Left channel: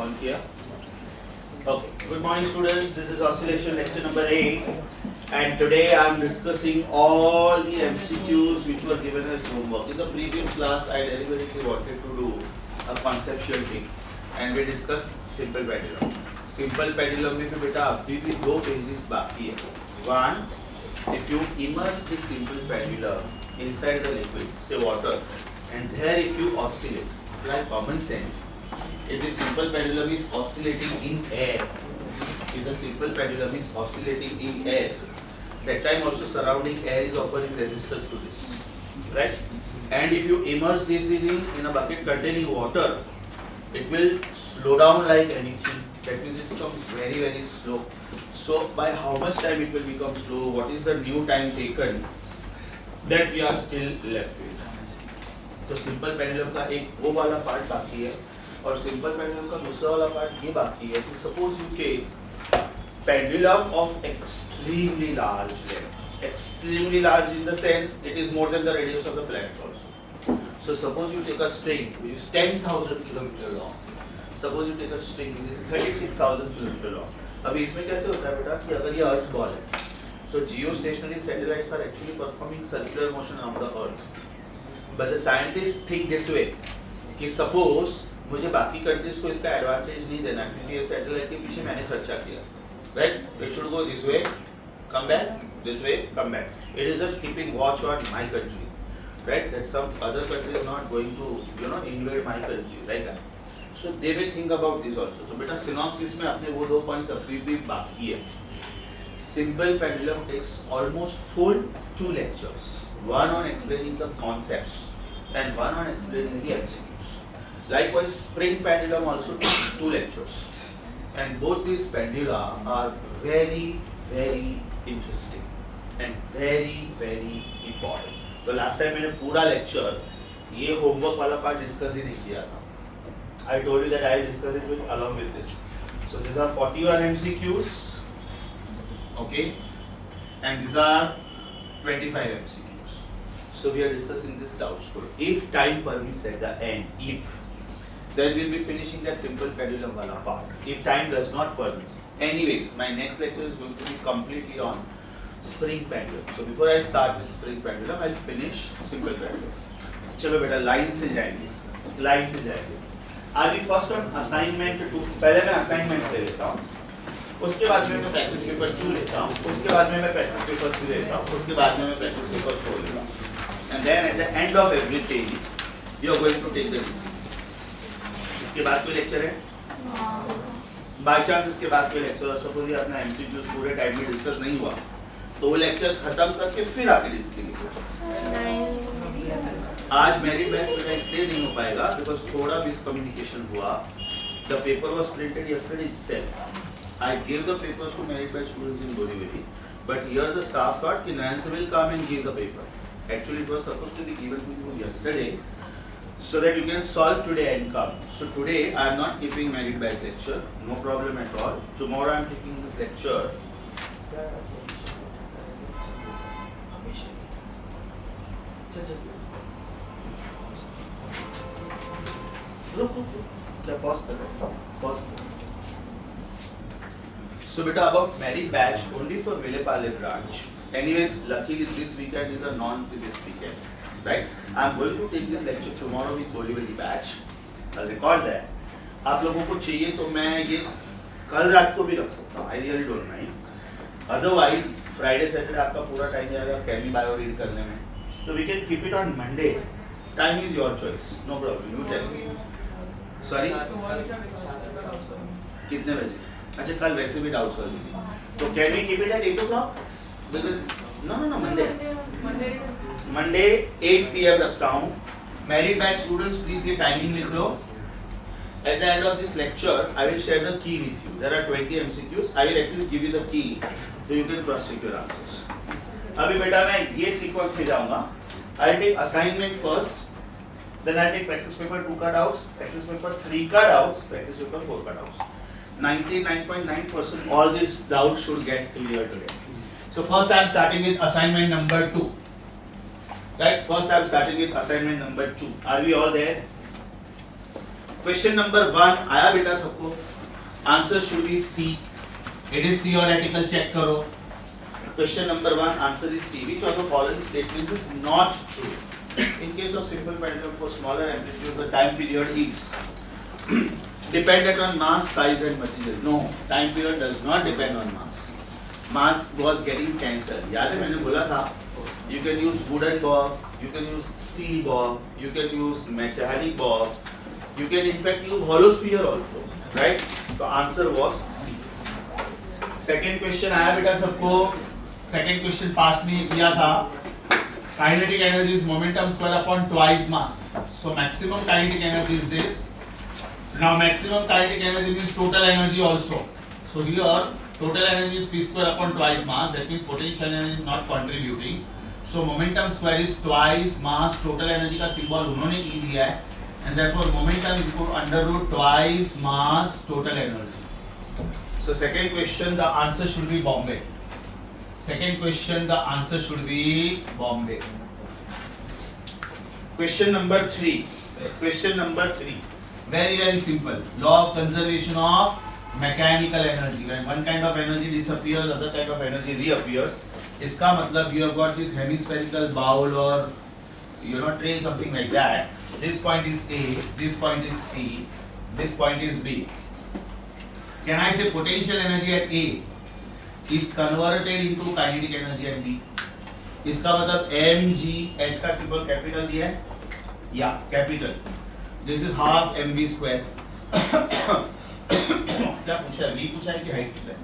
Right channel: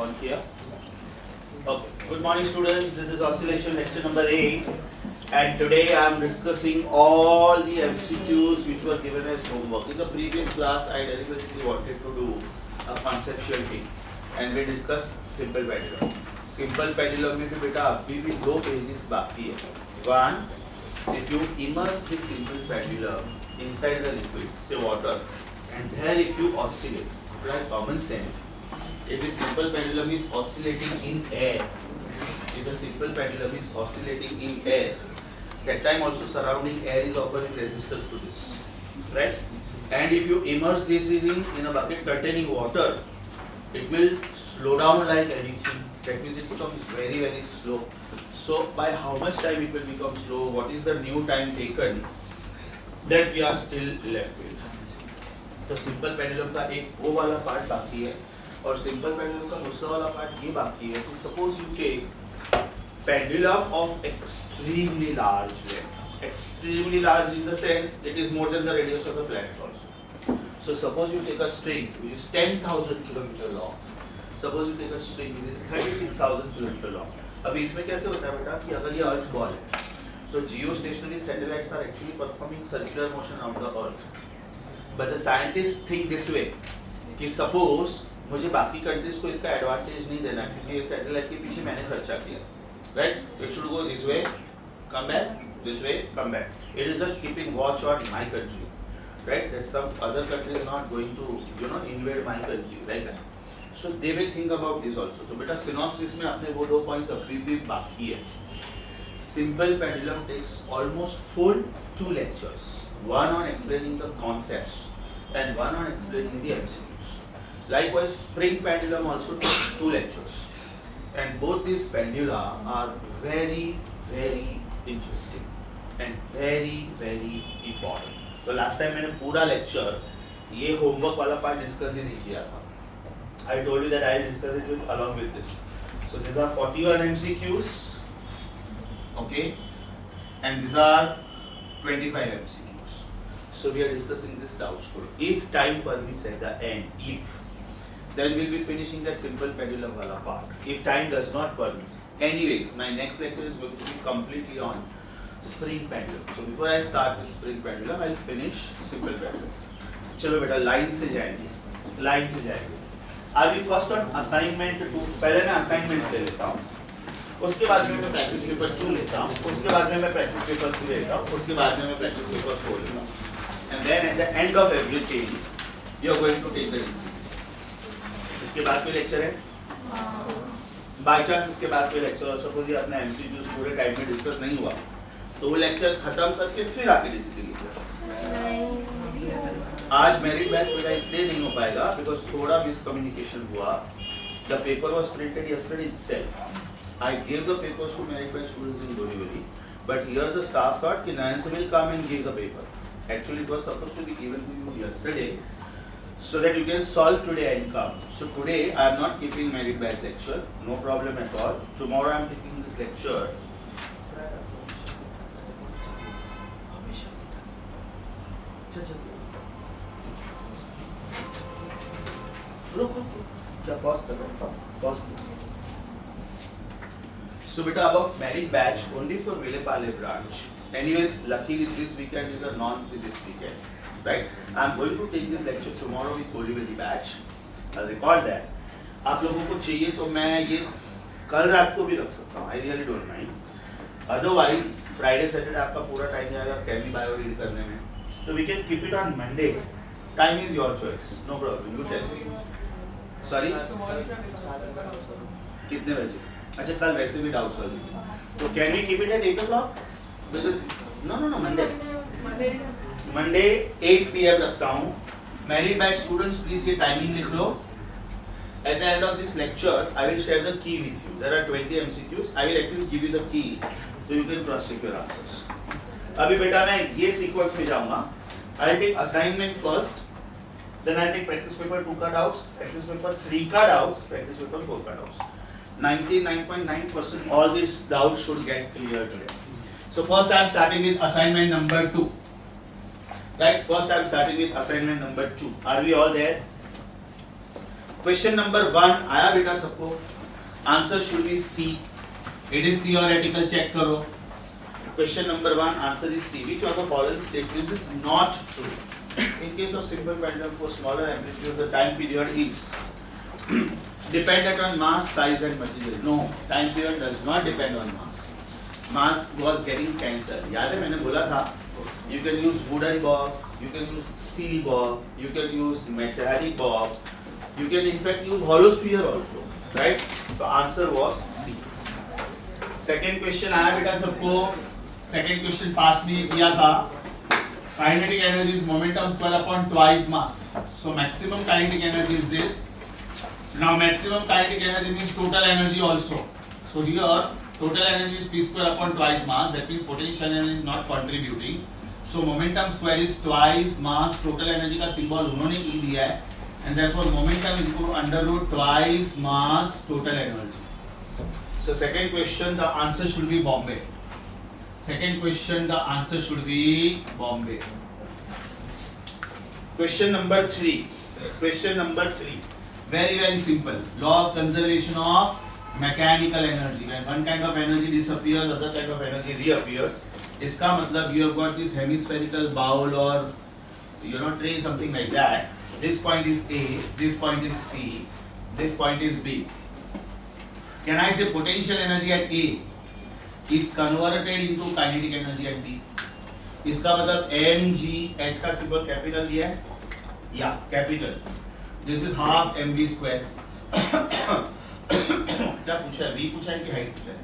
On here. Okay. Good morning, students. This is oscillation lecture number 8, and today I am discussing all the MCQs which were given as homework. In the previous class, I deliberately wanted to do a conceptual thing, and we discussed simple pendulum. Simple pendulum में भी बेटा अभी भी 2 pages बाकी है. One, if you immerse the simple pendulum inside the liquid, say water, and there if you oscillate, apply common sense. If the simple pendulum is oscillating in air, if the simple pendulum is oscillating in air, that time also surrounding air is offering resistance to this, right? And if you immerse this in a bucket containing water, it will slow down like anything. That means it becomes very, very slow. So by how much time it will become slow? What is the new time taken? That we are still left with. तो simple pendulum का एक वो वाला part बाकी है और simple pendulum का दूसरा वाला पार्ट ये बाकी है कि suppose you take pendulum of extremely large length, extremely large in the sense it is more than the radius of the planet also. So suppose you take a string which is 10,000 kilometer long. Suppose you take a string which is 36,000 kilometer long. अभी इसमें कैसे होता है बेटा कि अगर ये अर्थ ball है तो geostationary satellites are actually performing circular motion around the earth. But the scientists think this way कि suppose मुझे बाकी कंट्रीज को इसका एडवांटेज नहीं देना क्योंकि ये सैटेलाइट के पीछे मैंने खर्चा किया, right? It should go this way, come back, this way, come back. It is just keeping watch on my country, right? That some other country is not going to invade my country like that. So they will think about this also. तो बेटा synopsis में आपने वो 2 points अभी भी बाकी है. Simple pendulum takes almost full 2 lectures, one on explaining the concepts and one on explaining the MCQs. Likewise, spring pendulum also takes 2 lectures, and both these pendula are very, very interesting and very, very important. तो last time मैंने पूरा lecture ये homework वाला part discuss ही नहीं किया था. I told you that I will discuss it with along with this. So these are 41 MCQs, okay, and these are 25 MCQs. So we are discussing this doubts today. If time permits at the end, then we'll be finishing that simple pendulum wala part. If time does not permit. Anyways, my next lecture is going to be completely on spring pendulum. So before I start with spring pendulum, I'll finish simple pendulum. चलो बेटा line से जाएंगे. Are we first on assignment 2? पहले मैं assignment ले लेता हूँ. उसके बाद में मैं प्रैक्टिस पेपर 2 लेता हूँ. उसके बाद में मैं प्रैक्टिस पेपर 3 लेता हूँ. उसके बाद में मैं प्रैक्टिस पेपर 4 लेता हूँ. And then at the end of everything, you are going to take the decision. इसके बाद कोई लेक्चर है? बाय चांस इसके बाद कोई लेक्चर, सपोज ये अपना एमसीक्यूज पूरे टाइम में डिस्कस नहीं हुआ तो वो लेक्चर खत्म करके फिर आके डिस्कस कीजिए. आज मेरिट बैच मेरा इसलिए नहीं हो पाएगा बिकॉज थोड़ा मिसकम्युनिकेशन हुआ. The paper was printed yesterday itself. I gave the papers to merit batch students in Borivali, but here the staff thought कि Nance will come and give the paper. Actually, it was supposed to be given to you yesterday, so that you can solve today and come. So today I am not keeping merit batch lecture, no problem at all. Tomorrow I am taking this lecture. रुक क्या pause कर रहा हूँ? Pause. So beta about merit batch only for Vilepale branch. Anyways, luckily this weekend is a non-physics weekend, right? I'm going to take this lecture tomorrow with Borivali batch. I'll record that. आप लोगों को चाहिए तो मैं ये कल रात को भी रख सकता हूँ. I really don't mind. Otherwise, Friday, Saturday आपका पूरा टाइम जाएगा केमी बायो रीड करने में. So we can keep it on Monday. Time is your choice. No problem. You tell me. Sorry? कितने बजे? अच्छा कल वैसे भी डाउट्स होगी तो can we keep it at 8 o'clock? Because no Monday 8 PM रखता हूँ. मेरिट बैच स्टूडेंट्स प्लीज ये टाइमिंग लिख लो. At the end of this lecture I will share the key with you. There are 20 MCQs. I will actually give you the key so you can cross check your answers. अभी बेटा मैं ये sequence में जाऊंगा. I will take assignment first, then I take practice paper 2 का doubts, practice paper 3 का doubts, practice paper 4 का doubts. 99.9% all these doubts should get clear today. So first I am starting with assignment number 2. Right? First I am starting with assignment number 2. Are we all there? Question number 1 आया बेटा सबको? Answer should be C. It is theoretical. Check करो. Question number 1 answer is C. Which of the following statements is not true? In case of simple pendulum for smaller amplitude, the time period is dependent on mass, size and material. No, time period does not depend on mass. Mass was getting cancelled. याद है मैंने बोला था you can use wooden bob, you can use steel bob, you can use metallic bob, you can in fact use hollow sphere also, right? So answer was C. Second question आया बेटा सबको. Second question पास में किया था. Kinetic energy is momentum square upon twice mass. So maximum kinetic energy is this. Now maximum kinetic energy means total energy also. So here total energy is p square upon twice mass. That means potential energy is not contributing. So momentum square is twice mass. Total energy का symbol उन्होंने E दिया है. And therefore momentum is equal to under root twice mass total energy. So second question the answer should be Bombay. Second question the answer should be Bombay. Question number 3. Question number 3. Very simple. Law of conservation of mechanical energy. When one kind of energy disappears, other kind of energy reappears. इसका मतलब you have got this hemispherical bowl or tray, something like that. This point is A, this point is C, this point is B. Can I say potential energy at A is converted into kinetic energy at B? इसका मतलब mg, h का symbol capital दिया है, या capital. This is half mv square. क्या पूछा है? v पूछा है कि हाइट पूछा है?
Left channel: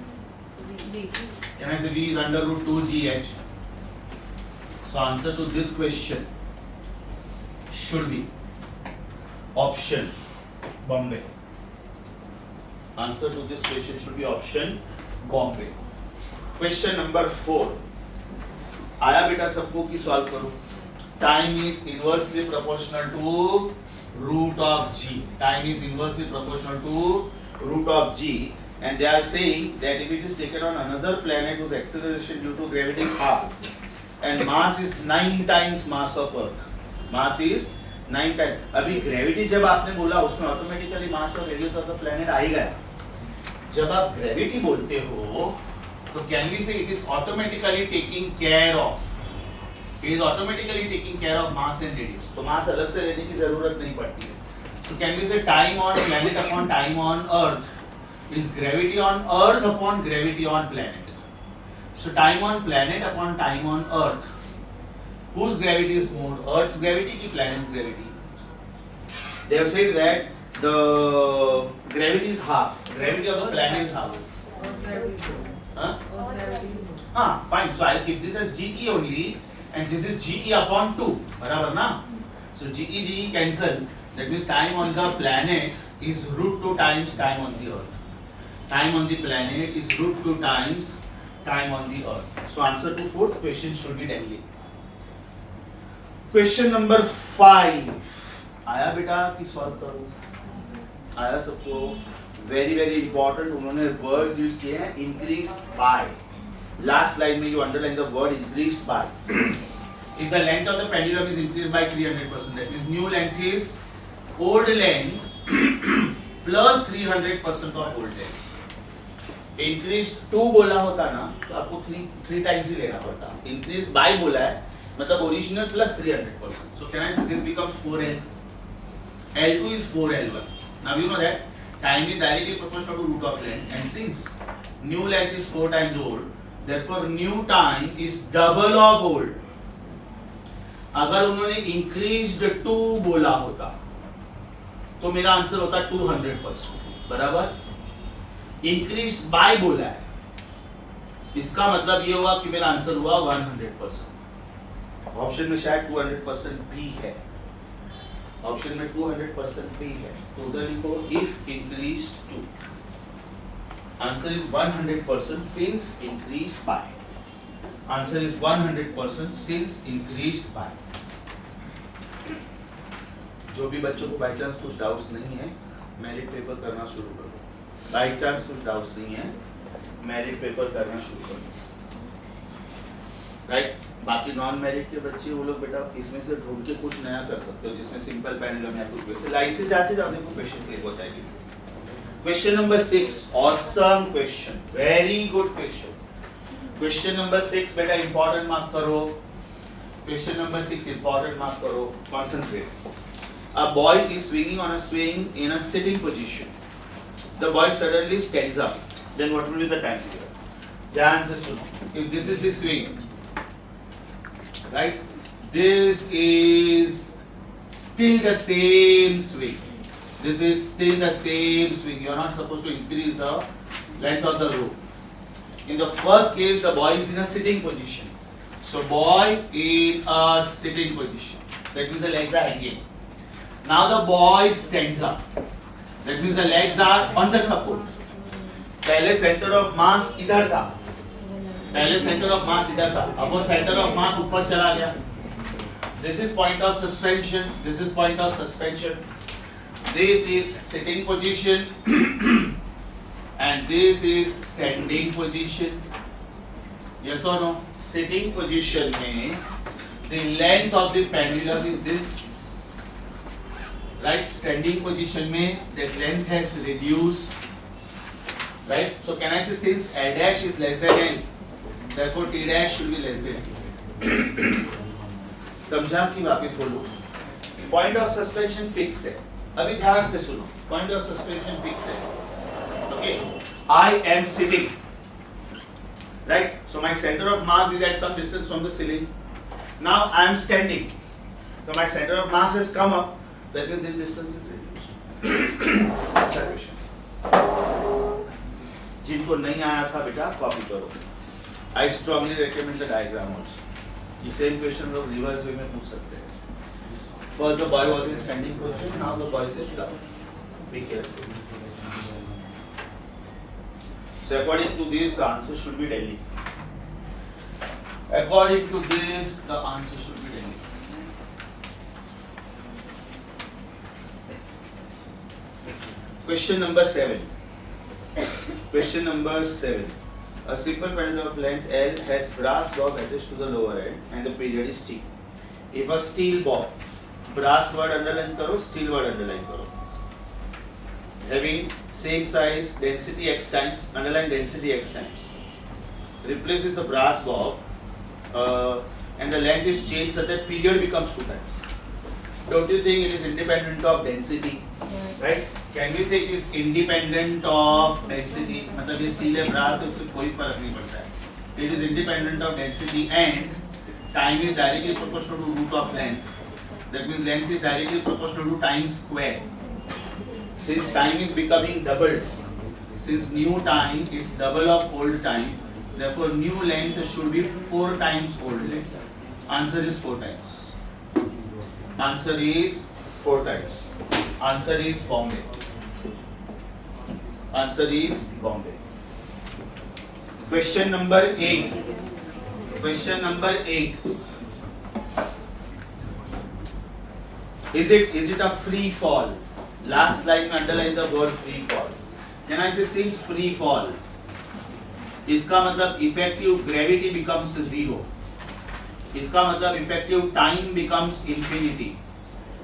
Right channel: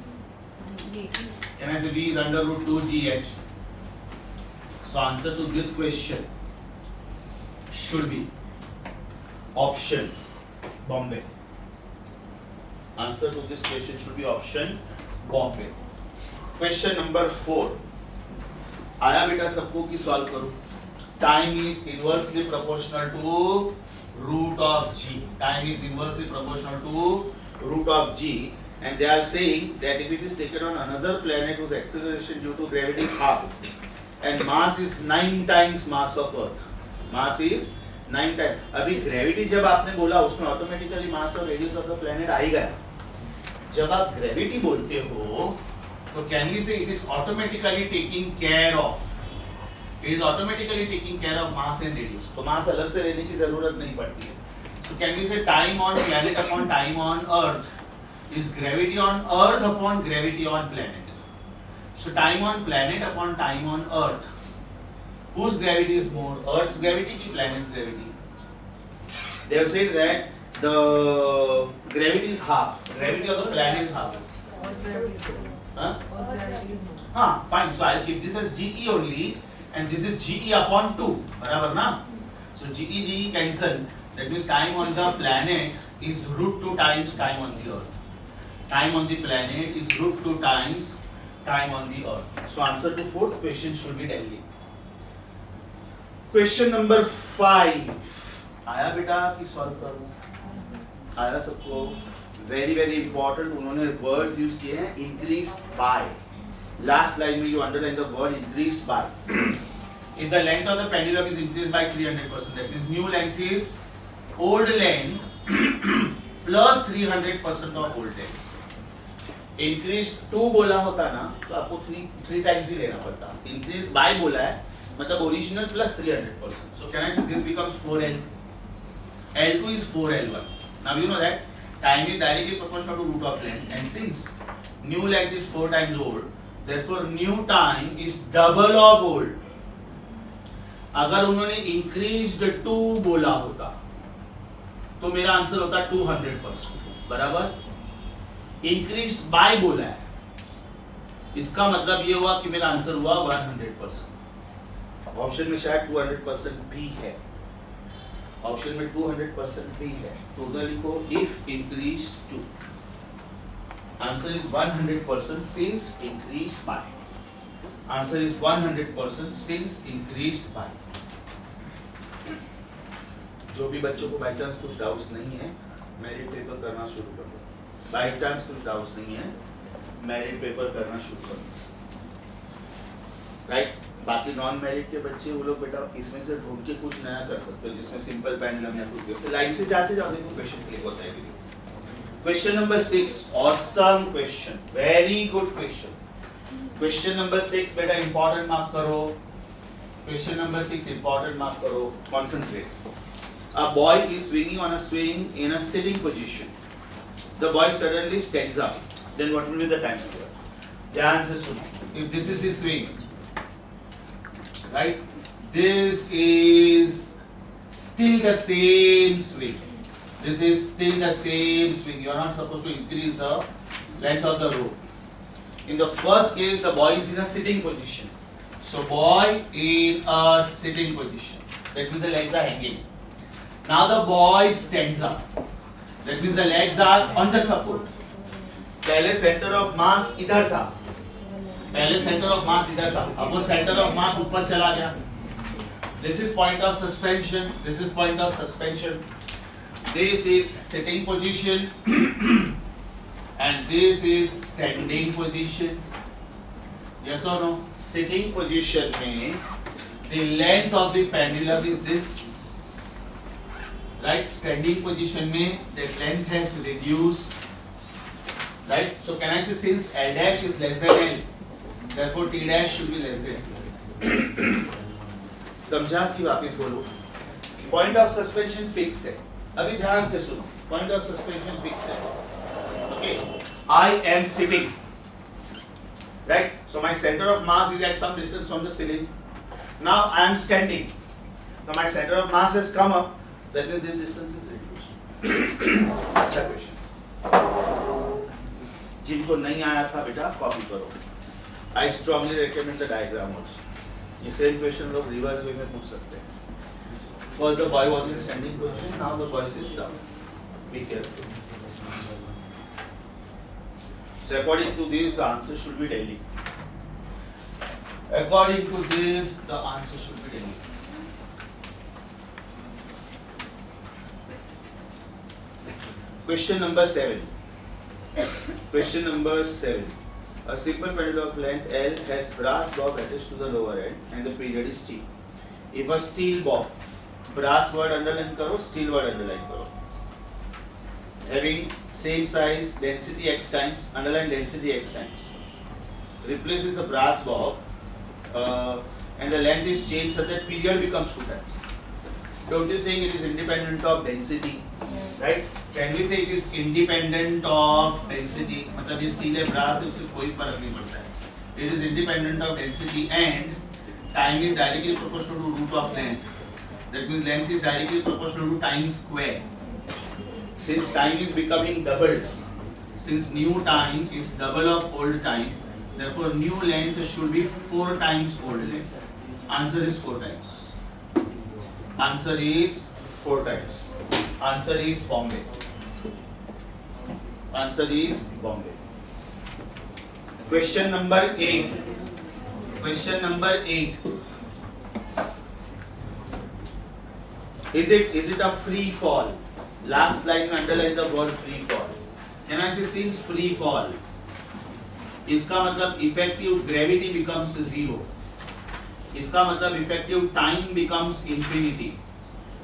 Can I say v is under root 2gh? So answer to this question should be option Bombay. Answer to this question should be option Bombay. Question number 4 आया बेटा सबको की सॉल्व करूं. Time is inversely proportional to root of g. Time is inversely proportional to root of g, and they are saying that if it is taken on another planet whose acceleration due to gravity is half and mass is 9 times mass of Earth. Mass is 9 times. अभी gravity जब आपने बोला उसमें automatically mass और radius of the planet आ ही गया. जब आप gravity बोलते हो तो can we say it is automatically taking care of? It is automatically taking care of mass and radius. तो mass अलग से लेने की जरूरत नहीं पड़ती है. So can we say time on planet upon time on Earth is gravity on Earth upon gravity on planet? So time on planet upon time on Earth. Whose gravity is more? Earth's gravity ki planet's gravity? They have said that the gravity is half. Gravity of the planet is half. Huh? Fine. So I'll keep this as GE only, and this is GE upon 2. बराबर ना? So GE cancel. That means time on the planet is root 2 times time on the Earth. Time on the planet is root 2 times time on the Earth. So answer to fourth question should be Delhi. Question number 5 आया बेटा कि solve करूं? आया सबको? very important. उन्होंने words use किए हैं increased by. Last line में you underline the word increased by. If the length of the pendulum is increased by 300%, that means new length is old length plus 300% of old length. Increased 2 बोला होता ना तो आपको 3 times ही लेना पड़ता. Increased by बोला है मतलब original plus 300%. So can I say this becomes 4L? L2 is 4L1. Now you know that time is directly proportional to root of length, and since new length is 4 times old, therefore new time is double of old. अगर उन्होंने increased 2 बोला होता तो मेरा answer होता 200%. बराबर? Increased by बोला है, इसका मतलब ये हुआ कि मेरा आंसर हुआ 100%. ऑप्शन में शायद 200% भी है. ऑप्शन में 200% भी है. तो उधर लिखो if increased to. Answer is 100% since increased by. Answer is 100% since increased by. जो भी बच्चों को बाई चांस कुछ डाउट्स नहीं है मेरिट पेपर करना शुरू कर दो. बाई चांस कुछ डाउट्स नहीं है मेरिट पेपर करना शुरू कर दो. राइट? बाकी नॉन मेरिट के बच्चे वो लोग बेटा इसमें से ढूंढ के कुछ नया कर सकते हो, जिसमें सिंपल पेंडुलम या कुछ वैसे लाइन से जाते जाओ, देखो क्वेश्चन क्लिक होता है कि question number 6, awesome question, very good question. Question number 6 बेटा इंपॉर्टेंट मार्क करो, क्वेश्चन नंबर 6 इंपॉर्टेंट मार्क करो, concentrate. A boy is swinging on a swing in a sitting position. The boy suddenly stands up. Then what will be the time period? ध्यान से सुनो. If this is the swing, right? This is still the same swing. This is still the same swing. You are not supposed to increase the length of the rope. In the first case, the boy is in a sitting position. So boy in a sitting position. That means the legs are hanging. Now the boy stands up. That means the legs are on the support. पहले center of mass इधर था. पहले center of mass इधर था. अब वो center of mass ऊपर चला गया. This is point of suspension. This is point of suspension. This is sitting position. And this is standing position. Yes or no? Sitting position में the length of the pendulum is this. Right? Standing position में the length has reduced. Right? So can I say since L dash is less than L, therefore T dash should be less than. समझा कि वापस बोलो? Point of suspension fix है. अभी ध्यान से सुनो. Point of suspension fix है. Okay. I am sitting. Right? So my center of mass is at some distance from the ceiling. Now I am standing. So my center of mass has come up. That means this distance is reduced. अच्छा question. जिनको नहीं आया था बेटा copy करो. I strongly recommend the diagram also. ये same question लोग reverse way में पूछ सकते हैं. First the boy was in standing position. Now the boy sits down. Be careful. So according to this, the answer should be Delhi. According to this, the answer should be Delhi. Question number 7. Question number 7. A simple pendulum of length L has brass bob attached to the lower end and the period is T. If a steel bob, brass word underline करो, steel word underline करो. Having same size, density x times, underline density x times. Replaces the brass bob and the length is changed so that period becomes 2 times. Don't you think it is independent of density? Right? Can we say it is independent of density? मतलब ये steel है brass है उससे कोई फर्क नहीं पड़ता है. It is independent of density and time is directly proportional to root of length. That means length is directly proportional to time square. Since time is becoming doubled, since new time is double of old time, therefore new length should be 4 times old length. Answer is 4 times. Answer is 4 times. Answer is Bombay. Answer is Bombay. Question number 8. Question number 8. Is it a free fall? Last slide में underline the word free fall. Can I say since free fall? इसका मतलब effective gravity becomes 0. इसका मतलब effective time becomes infinity.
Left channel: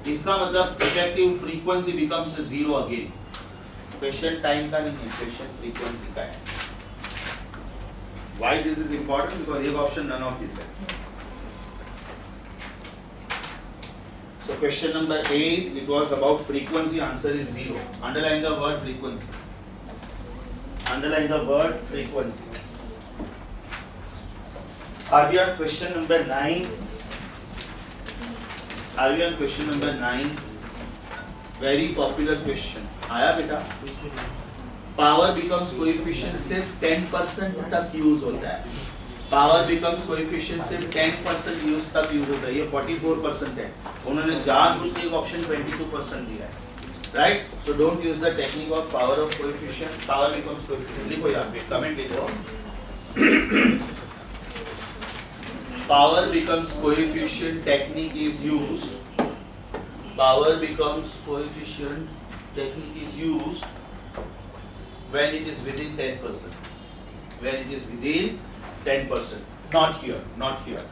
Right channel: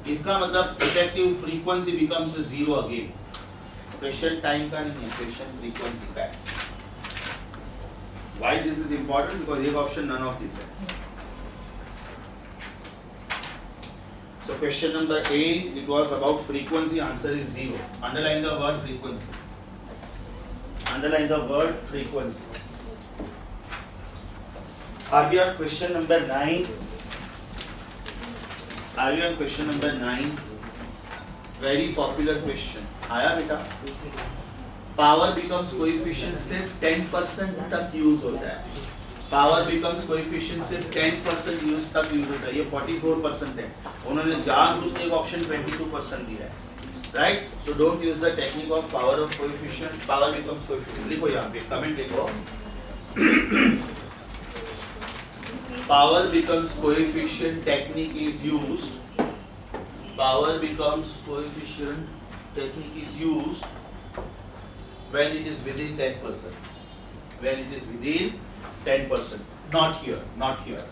इसका मतलब effective frequency becomes 0 again. Question time का नहीं है, question frequency का है. Why this is important? Because ये option none of this है. So question number 8, it was about frequency. Answer is 0. Underline the word frequency. Underline the word frequency. Are we on question number 9? Are we on question number 9? Very popular question. आया बेटा? Power becomes coefficient सिर्फ 10% तक use होता है. Power becomes coefficient सिर्फ 10% use तक use होता है. ये 44% है. उन्होंने जानबूझ के एक ऑप्शन 22% दिया है. Right? So don't use the technique of power of coefficient. Power becomes coefficient. लिखो यहाँ पे कमेंट लिखो. Power becomes coefficient technique is used. Power becomes coefficient technique is used when it is within 10%. When it is within 10%. Not here. Not here.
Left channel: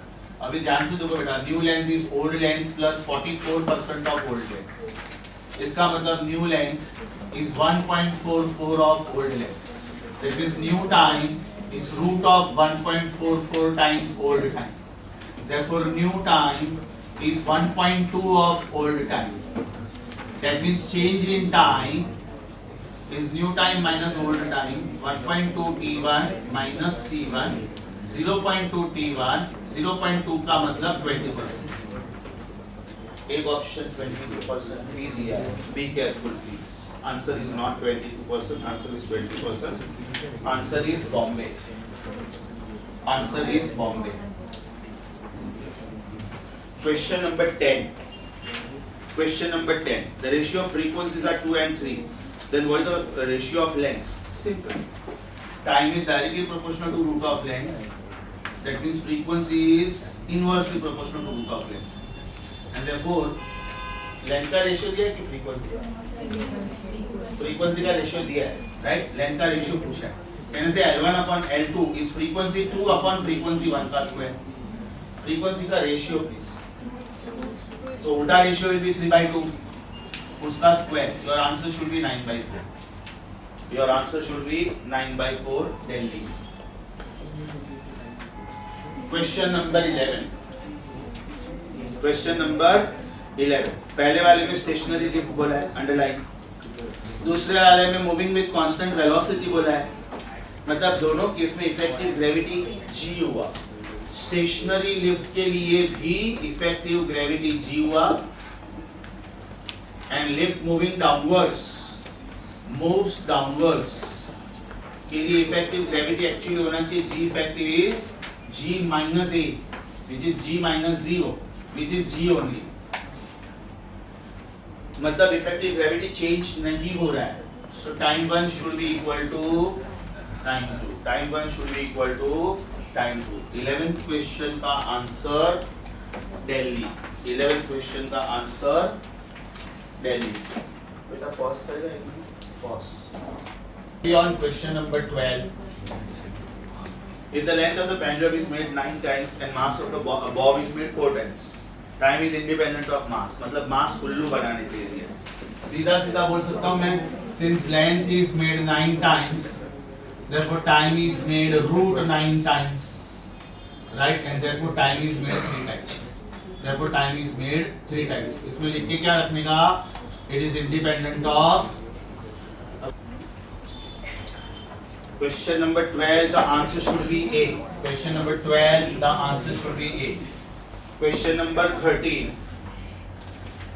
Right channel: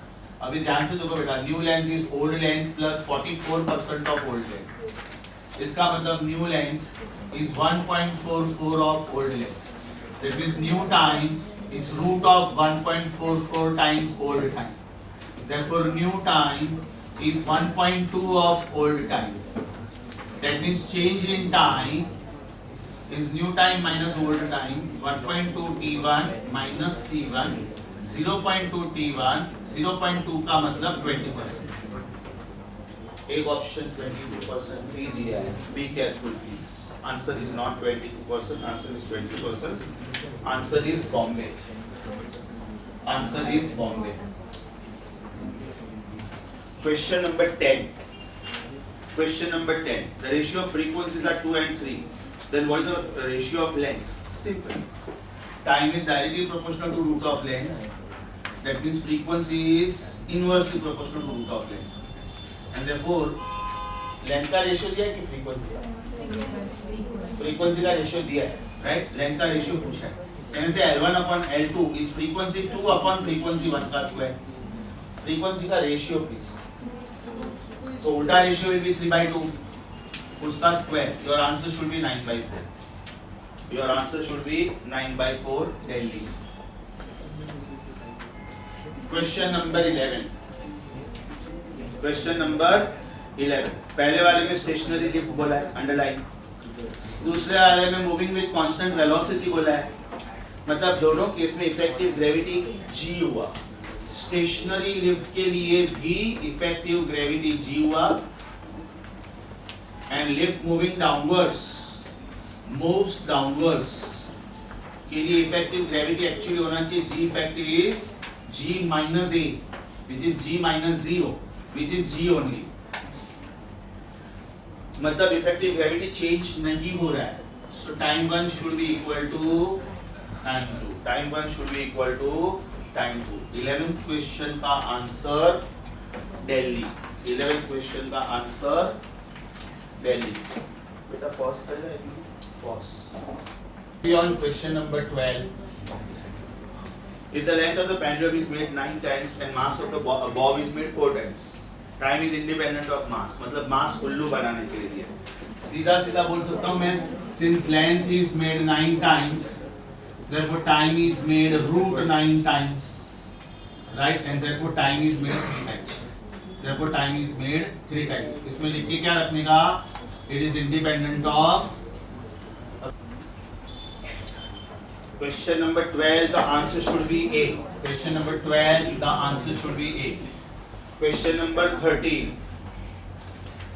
अभी ध्यान से देखो बेटा, new length is old length plus 44% of old length. इसका मतलब new length is 1.44 of old length. That means new time is root of 1.44 times old time. Therefore, new time is 1.2 of old time. That means change in time is new time minus old time. 1.2 t1 minus t1. 0.2 t1. 0.2 का मतलब 20%. एक option 22% भी दिया है. Be careful, please. Answer is not 22%. Answer is 20%. Answer is Bombay. Answer is Bombay. Question number 10. Question number 10. The ratio of frequencies are 2 and 3. Then what is the ratio of length? Simple. Time is directly proportional to root of length. That means frequency is inversely proportional to root of length. And therefore, length का ratio दिया है कि frequency का? Frequency का ratio दिया है, right? Length का ratio पूछा है। कहने से L1 upon L2 is frequency 2 upon frequency 1 का स्क्वायर। फ्रीक्वेंसी का रेशियो प्लीज। तो उल्टा रेशियो will be 3/2, उसका square. Your answer should be 9/4. Your answer should be 9/4 Delhi. Question number 11. Question number 11. पहले वाले में स्टेशनरी लिफ्ट बोला है, अंडरलाइन। दूसरे वाले में मूविंग विद कांस्टेंट वेलोसिटी बोला है। मतलब दोनों केस में इफेक्टिव ग्रेविटी g हुआ। स्टेशनरी लिफ्ट के लिए भी इफेक्टिव ग्रेविटी g हुआ, and lift moving downwards moves downwards के लिए इफेक्टिव ग्रेविटी एक्चुअली होना चाहिए g effective is g minus a, which is g minus 0, which is g only. मतलब इफेक्टिव ग्रेविटी चेंज नहीं हो रहा है। So time 1 should be equal to time 2। Time 1 should be equal to time 2। 11th question का answer Delhi. 11th question का answer Delhi. बेटा pause करेगा, pause. On question number 12. If the length of the pendulum is made 9 times and mass of the bob is made 4 times, time is independent of mass. मतलब mass उल्लू बनाने के लिए सीधा सीधा बोल सकता हूँ मैं, since length is made 9 times, therefore time is made root 9 times, right? And therefore time is made 3 times. Therefore time is made 3 times. इसमें लिख के क्या रखने का? It is independent of. Question number 12, the answer should be A. Question number 12, the answer should be A. Question number 13.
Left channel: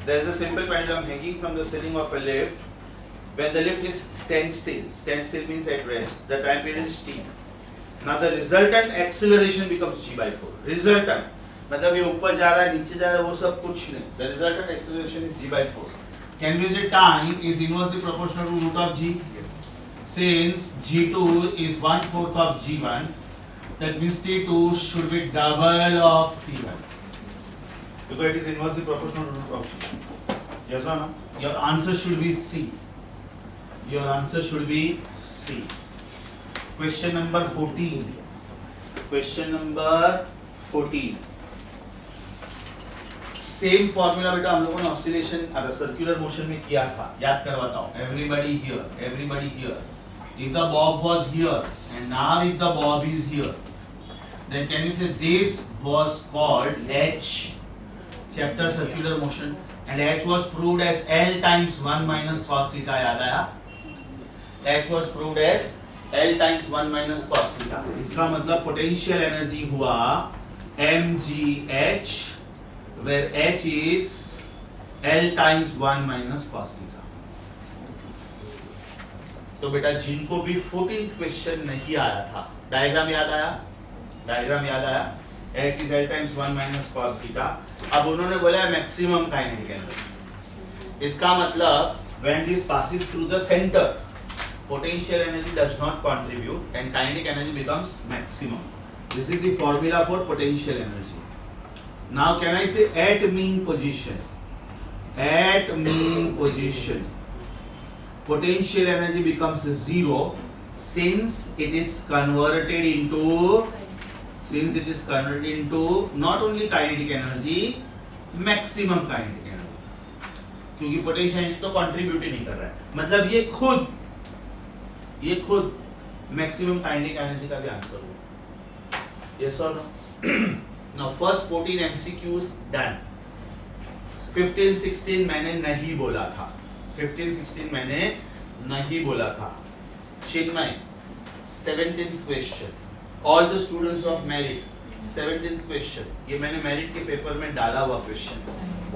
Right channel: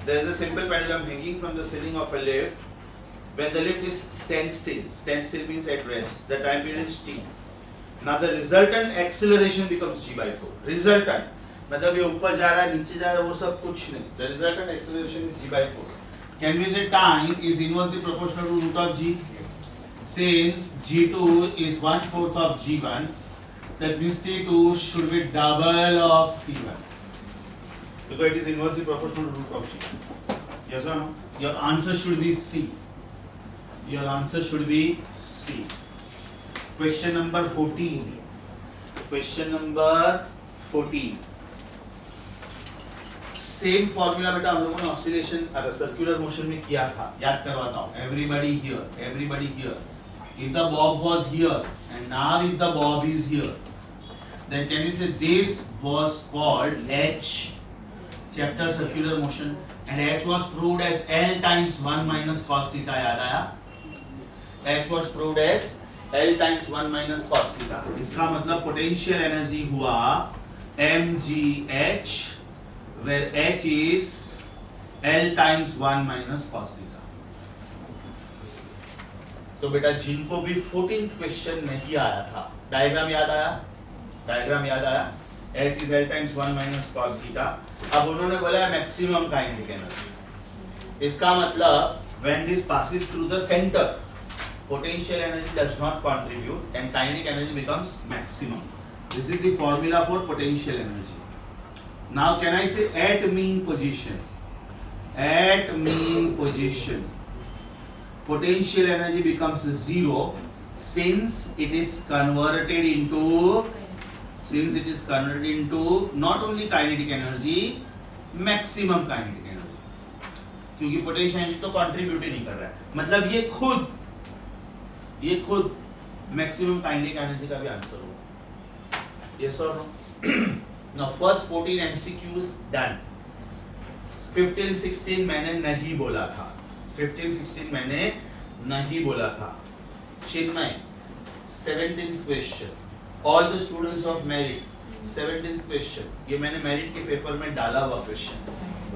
There is a simple pendulum hanging from the ceiling of a lift. When the lift is standstill means at rest. The time period is t. Now the resultant acceleration becomes g/4. Resultant मतलब ये ऊपर जा रहा है, नीचे जा रहा है, वो सब कुछ नहीं. The resultant acceleration is g/4. Can we say time is inversely proportional to root of g? Since g2 is 1/4 of g1, that means t2 should be double of t1. Because it is inversely proportional to root of g. Yes or no? Your answer should be C. Your answer should be C. Question number 14. Question number 14. Same formula बेटा हम लोगों ने oscillation circular motion में किया था, याद करवाता हूँ. Everybody here. If the bob was here and now if the bob is here, then can you say this was called H, chapter circular motion, and H was proved as L times 1 minus cos theta. याद आया? H was proved as L times 1 minus cos theta. इसका मतलब potential energy हुआ mgh, where H is L times 1 minus cos theta. तो बेटा जिनको भी 14th question नहीं आया था, डायग्राम याद आया? H is L times 1 minus cos theta. अब उन्होंने बोला है मैक्सिमम काइनेटिक एनर्जी. इसका मतलब when this passes through the center, potential energy does not contribute and kinetic energy becomes maximum. This is the formula for potential energy. Now can I say at mean position? At mean position, potential energy becomes 0 since it is converted into since it is converted into not only kinetic energy, maximum kinetic energy, क्योंकि potential energy तो contribute ही नहीं कर रहा है, मतलब ये खुद maximum kinetic energy का भी आंसर होगा. Yes or no? Now first 14 MCQs done. 15-16 मैंने नहीं बोला था. 15-16 मैंने नहीं बोला था. चिन्मय 17th question. All the students of merit 17th question. ये मैंने merit के पेपर में डाला हुआ question.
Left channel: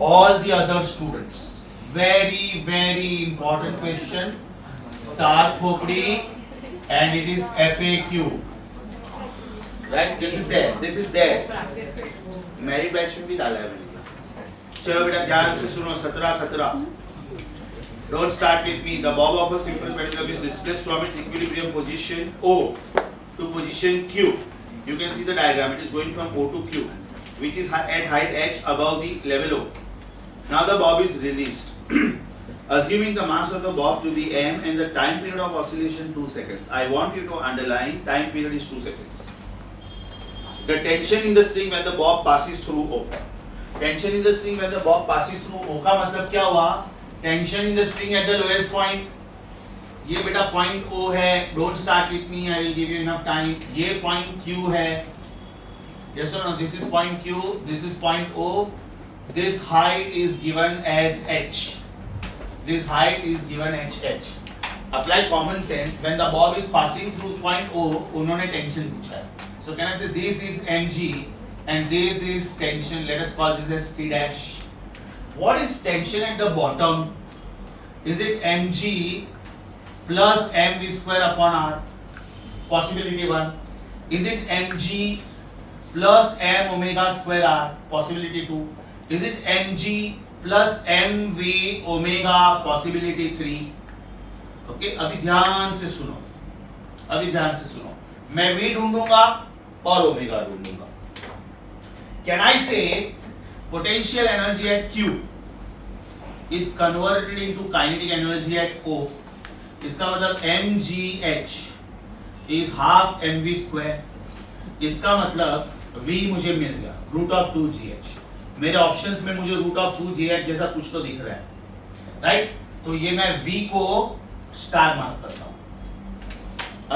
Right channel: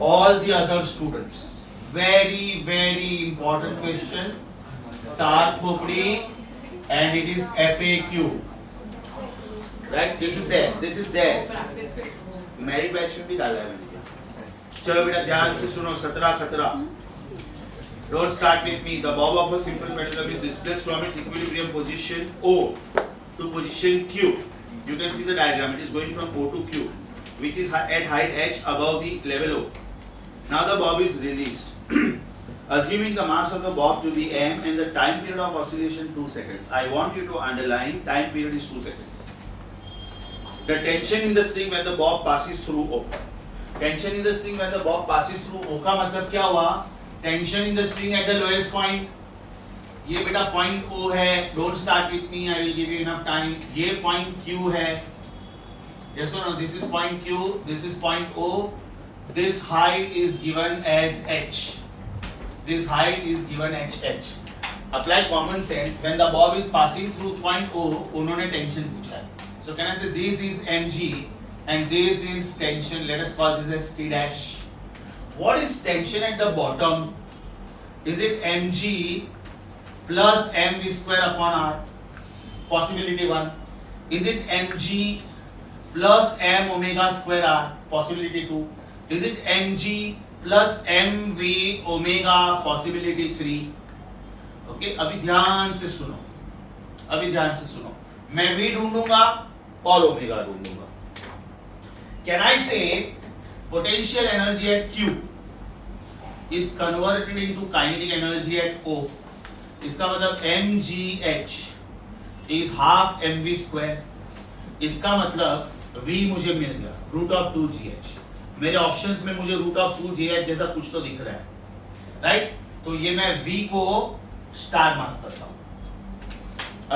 All the other students. Very very important question. Star खोपड़ी and it is FAQ. Right? This is there. Merit batch में भी डाला है मैंने. चलो बेटा ध्यान से सुनो. 17 खतरा. Don't start with me. The bob of a simple pendulum is displaced from its equilibrium position O to position Q. You can see the diagram. It is going from O to Q, which is at height h above the level O. Now the bob is released. Assuming the mass of the bob to be m and the time period of oscillation 2 seconds. I want you to underline time period is 2 seconds. The tension in the string when the bob passes through O. Tension in the string when the bob passes through O का मतलब क्या हुआ? Tension in the string at the lowest point. ये बेटा point O है. Don't start with me. I will give you enough time. ये point Q है. Yes or no? This is point Q. This is point O. This height is given as h. This height is given as h. Apply common sense. When the bob is passing through point O, उन्होंने tension पूछा है. So can I say this is mg and this is tension. Let us call this as T dash. What is tension at the bottom? Is it mg plus mv square upon r? Possibility 1. Is it mg plus m omega square r? Possibility 2. Is it mg plus mv omega? Possibility 3. Okay, अभी ध्यान से सुनो. मैं v ढूंढूंगा और omega ढूंढूंगा. Can I say potential energy at Q is converted into kinetic energy at O? इसका मतलब mgh is half mv square. इसका मतलब v मुझे मिल गया root of 2gh. मेरे ऑप्शंस में मुझे root of 2gh जैसा कुछ तो दिख रहा है, राइट? तो ये मैं v को स्टार मार्क करता हूं.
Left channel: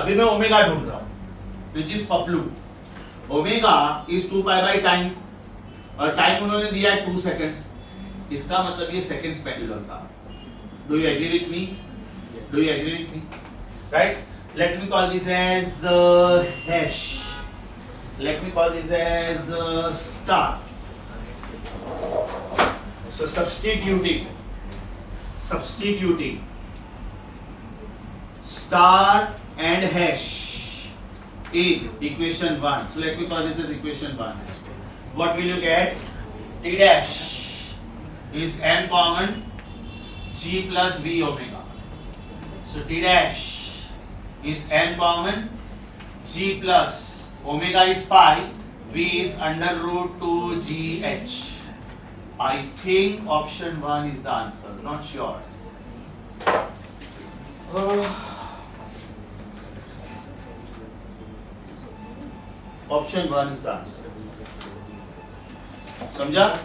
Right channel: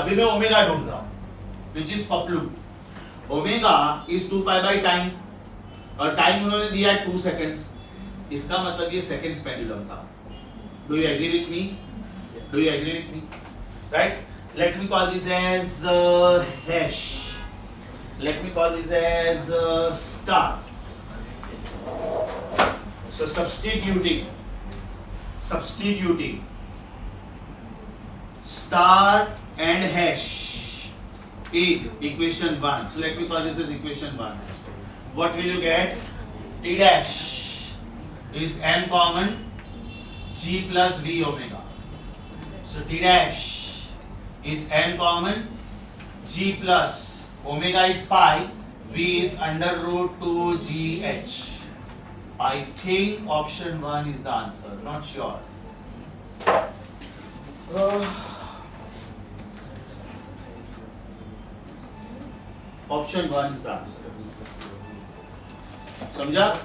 अभी मैं ओमेगा ढूंढ रहा हूं, which is Paplu. Omega is 2 pi by time और टाइम उन्होंने दिया है 2 seconds. इसका मतलब ये सेकंड्स पेंडुलम था. Do you agree with me? Right? Let me call this as hash. Let me call this as star. So substituting star and hash in equation 1. So let me call this as equation 1. What will you get? T dash is m common g plus v omega. So T dash is m common g plus omega is pi, v is under root 2gh. I think option 1 is the answer. Not sure. Option 1 is the answer. समझा?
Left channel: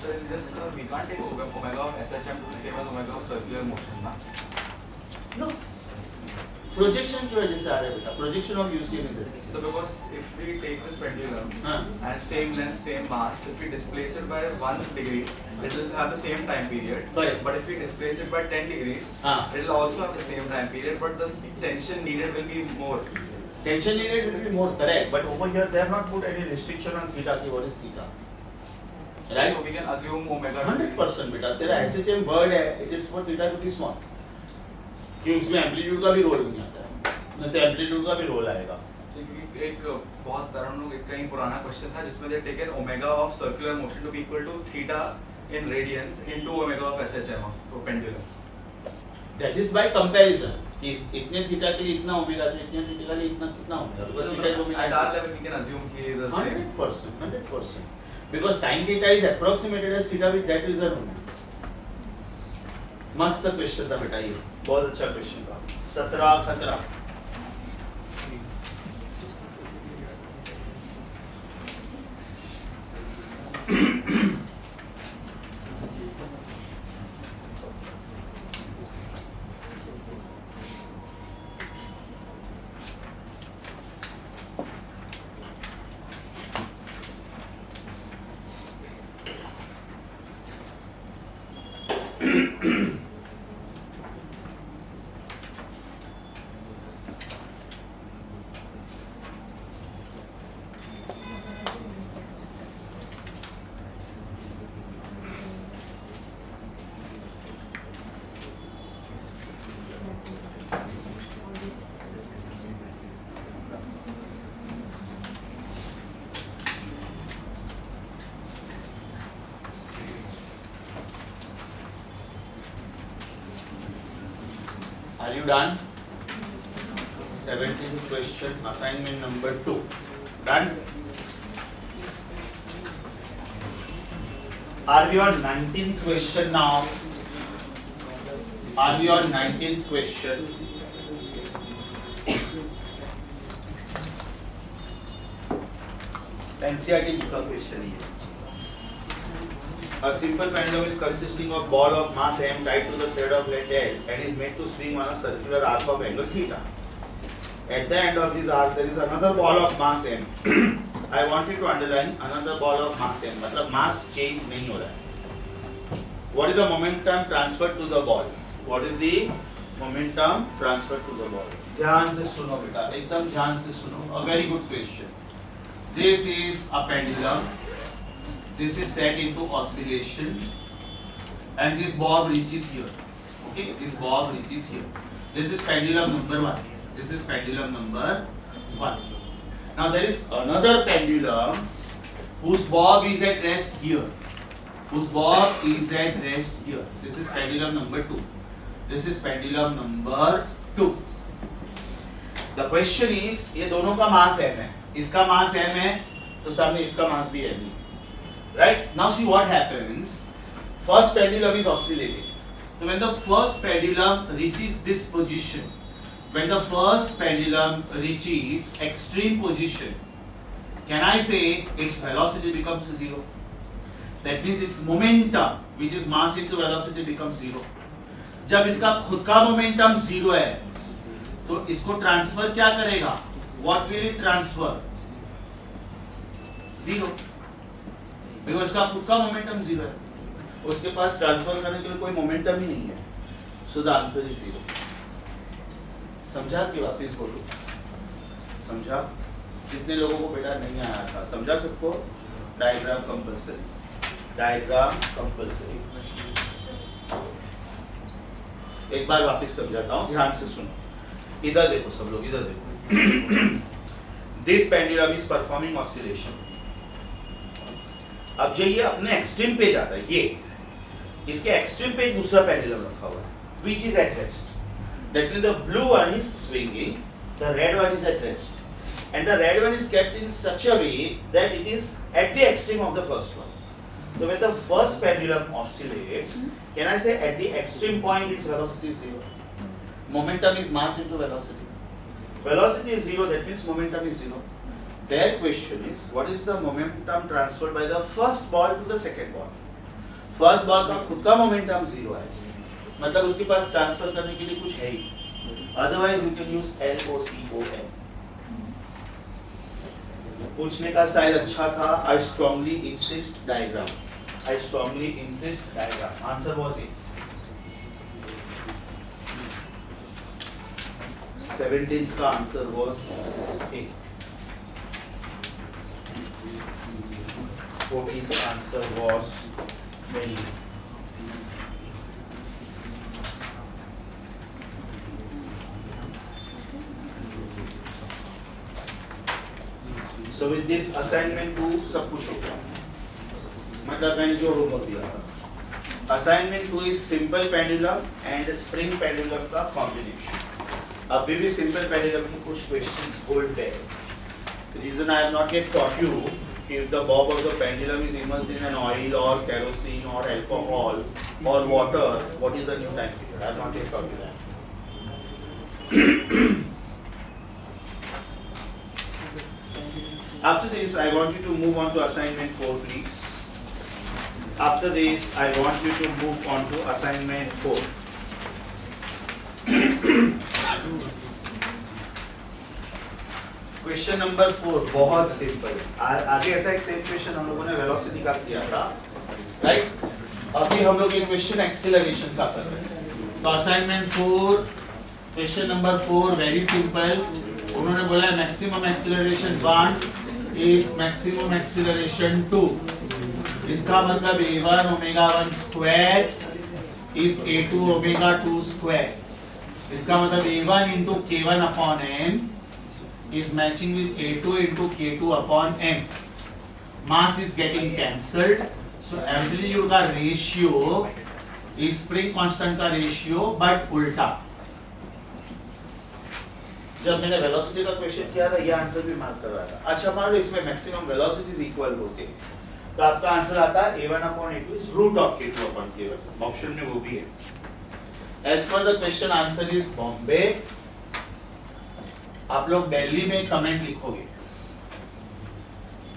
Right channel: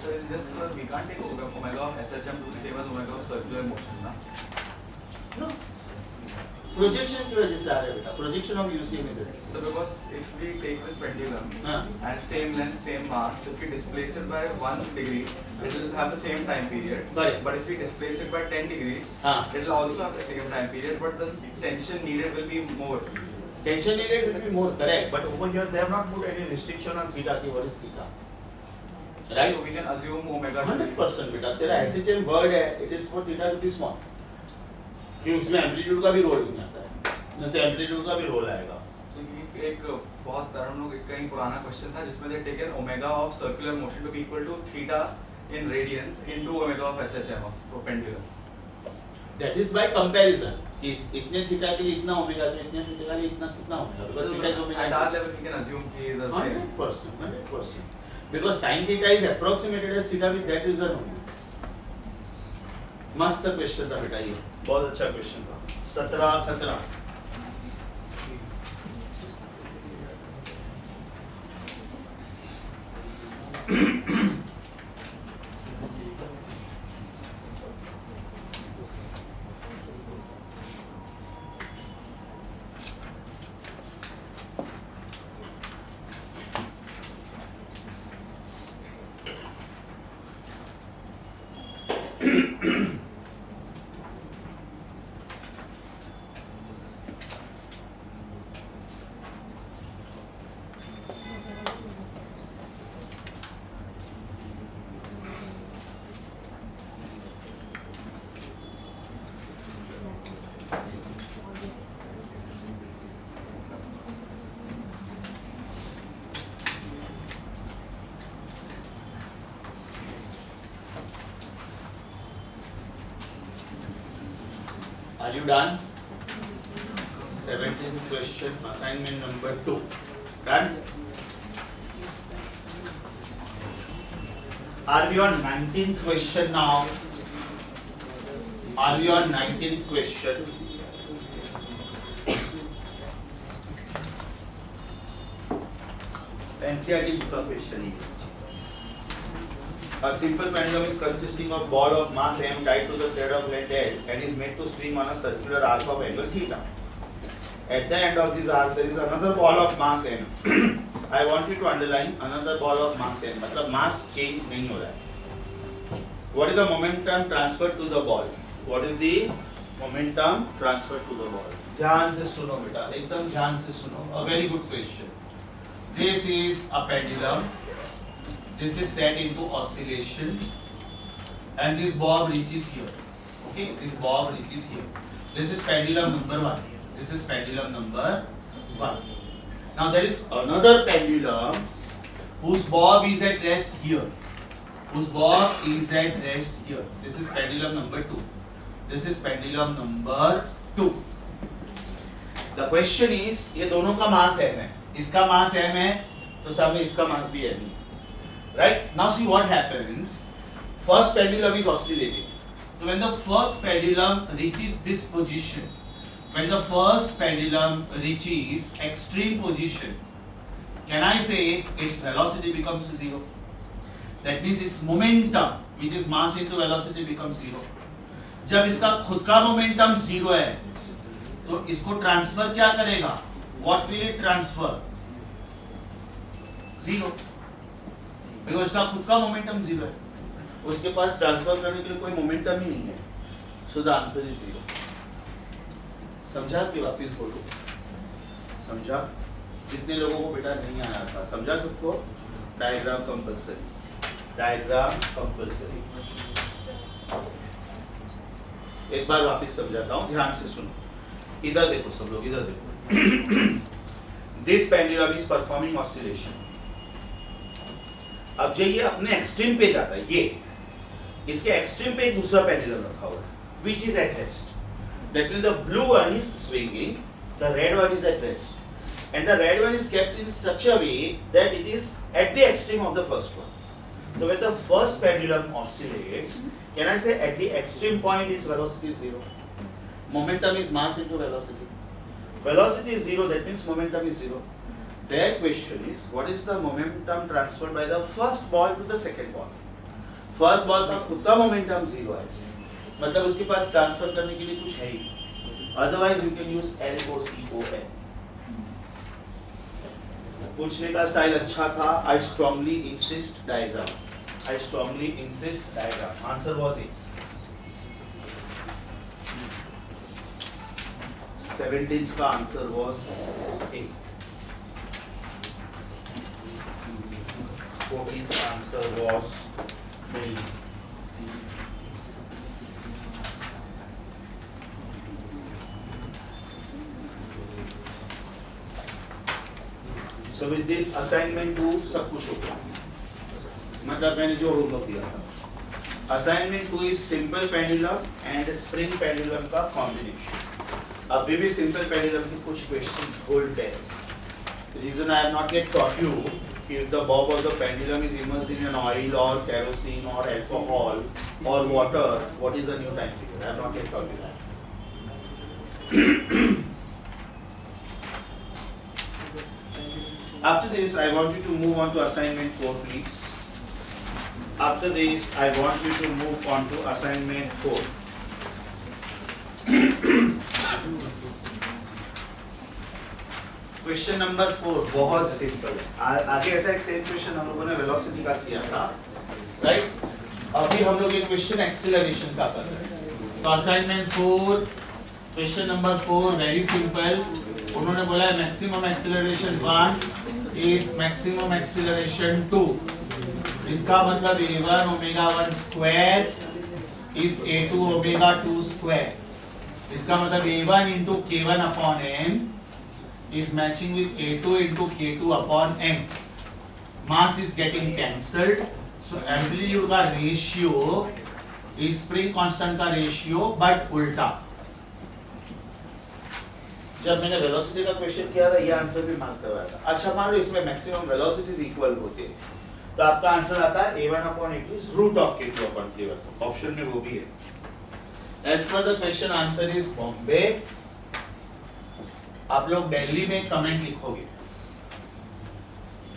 So in this, we can't take omega of SHM to be same as omega of circular motion, na? No. Projection की वजह से आ रहा है बेटा. Projection of UCM is this. So because if we take this pendulum and same length, same mass, if we displace it by 1 degree, it will have the same time period. Correct. But if we displace it by 10 degrees, it will also have the same time period, but the tension needed will be more. Tension needed will be more, correct. But over here they have not put any restriction on theta. Ki what is theta? Right? So we can assume omega. 100% बेटा. तेरा SHM word है. It is for theta to be small. क्योंकि उसमें amplitude का भी role नहीं आता है. नहीं तो एम्पलीट्यूड का भी रोल आएगा. क्योंकि एक बहुत हम लोग कहीं पुराना क्वेश्चन था जिसमें they taken omega of circular motion to be equal to theta in radians into omega of SHM of pendulum. That is by comparison. इतने थीटा के लिए इतना ओमेगा तो इतने थीटा के लिए इतना कितना omega. Because theta is omega. At our level we can assume कि the same. 100%. Because sin theta is approximated as theta with that reason only. मस्त क्वेश्चन था बेटा ये. बहुत अच्छा क्वेश्चन था. 17 खतरा. Are you done? 17th question, assignment number 2. Done? Are we on 19th question now? Are we on 19th question? NCERT book का question है. A simple pendulum is consisting of ball of mass m tied to the thread of length L and is made to swing on a circular arc of angle theta. At the end of this arc there is another ball of mass m. I want you to underline another ball of mass m. मतलब mass change नहीं हो रहा है. What is the momentum transferred to the ball? What is the momentum transferred to the ball? ध्यान से सुनो बेटा, एकदम ध्यान से सुनो. A very good question. This is a pendulum. This is set into oscillation, and this bob reaches here. Okay, this bob reaches here. This is pendulum number 1. This is pendulum number 1. Now there is another pendulum whose bob is at rest here. Whose bob is at rest here. This is pendulum number 2. This is pendulum number 2. The question is, ये दोनों का मास m है. इसका मास m है, तो सब में इसका मास भी m है. Right? Now see what happens. First pendulum is oscillating. So when the first pendulum reaches this position, when the first pendulum reaches extreme position, can I say its velocity becomes 0? That means its momentum, which is mass into velocity, becomes 0. जब इसका खुद का momentum 0 है, तो इसको transfer क्या करेगा? What will it transfer? 0. Because इसका खुद का मोमेंटम 0 है, उसके पास ट्रांसफर करने के लिए कोई मोमेंटम ही नहीं है. So the answer is 0. समझा कि वापस बोलो? समझा? जितने लोगों को बेटा नहीं आया था, समझा सबको? Diagram compulsory. Diagram compulsory. एक बार वापस समझाता हूँ, ध्यान से सुनो. इधर देखो सब लोग, इधर देखो. This pendulum is performing oscillation. अब जो ये अपने एक्सट्रीम पे जाता है, ये इसके एक्सट्रीम पे एक दूसरा पेंडुलम रखा हुआ है, which is at rest. That means the blue one is swinging, the red one is at rest, and the red one is kept in such a way that it is at the extreme of the first one. So when the first pendulum oscillates, can I say at the extreme point its velocity is 0? Momentum is mass into velocity. Velocity is 0, that means momentum is 0. Their question is, what is the momentum transferred by the first ball to the second ball? First ball का खुद का momentum 0 है, मतलब उसके पास transfer करने के लिए कुछ है ही. Otherwise you can use LOCON. पूछने का स्टाइल अच्छा था. I strongly insist diagram. I strongly insist diagram. Answer was A. 17th का answer was A. 14th answer was B. So with this assignment 2 सब कुछ हो गया. मतलब मैंने जो होमवर्क दिया था. Assignment 2 is simple pendulum and spring pendulum का combination. अभी भी simple pendulum की कुछ questions hold there. The reason I have not yet taught you if the bob of the pendulum is immersed in an oil or kerosene or alcohol or water, what is the new time period? I have not yet taught you that. After this, I want you to move on to assignment 4, please. After this, I want you to move on to assignment 4. Question number 4 बहुत simple. आगे ऐसा एक same question हम लोगों ने velocity का किया था, राइट? अभी हम लोग एक क्वेश्चन एक्सेलरेशन का कर रहे हैं। तो assignment 4 question number 4 very simple. उन्होंने बोला है maximum acceleration 1 is maximum acceleration 2। इसका मतलब a1 omega 1 square is a2 omega 2 square. इसका मतलब a1 into k1 upon n is matching with a2 into k2 upon n. Mass is getting cancelled, so amplitude का ratio is spring constant का ratio but उल्टा। जब मैंने velocity का question किया था ये आंसर भी मार्क करवाया था। अच्छा मान लो इसमें मैक्सिमम वेलोसिटीज इक्वल होते तो आपका आंसर आता है a1 upon a2 is root of k2 upon k1। Option में वो भी है। As per the question answer is Bombay. आप लोग दिल्ली में कमेंट लिखोगे।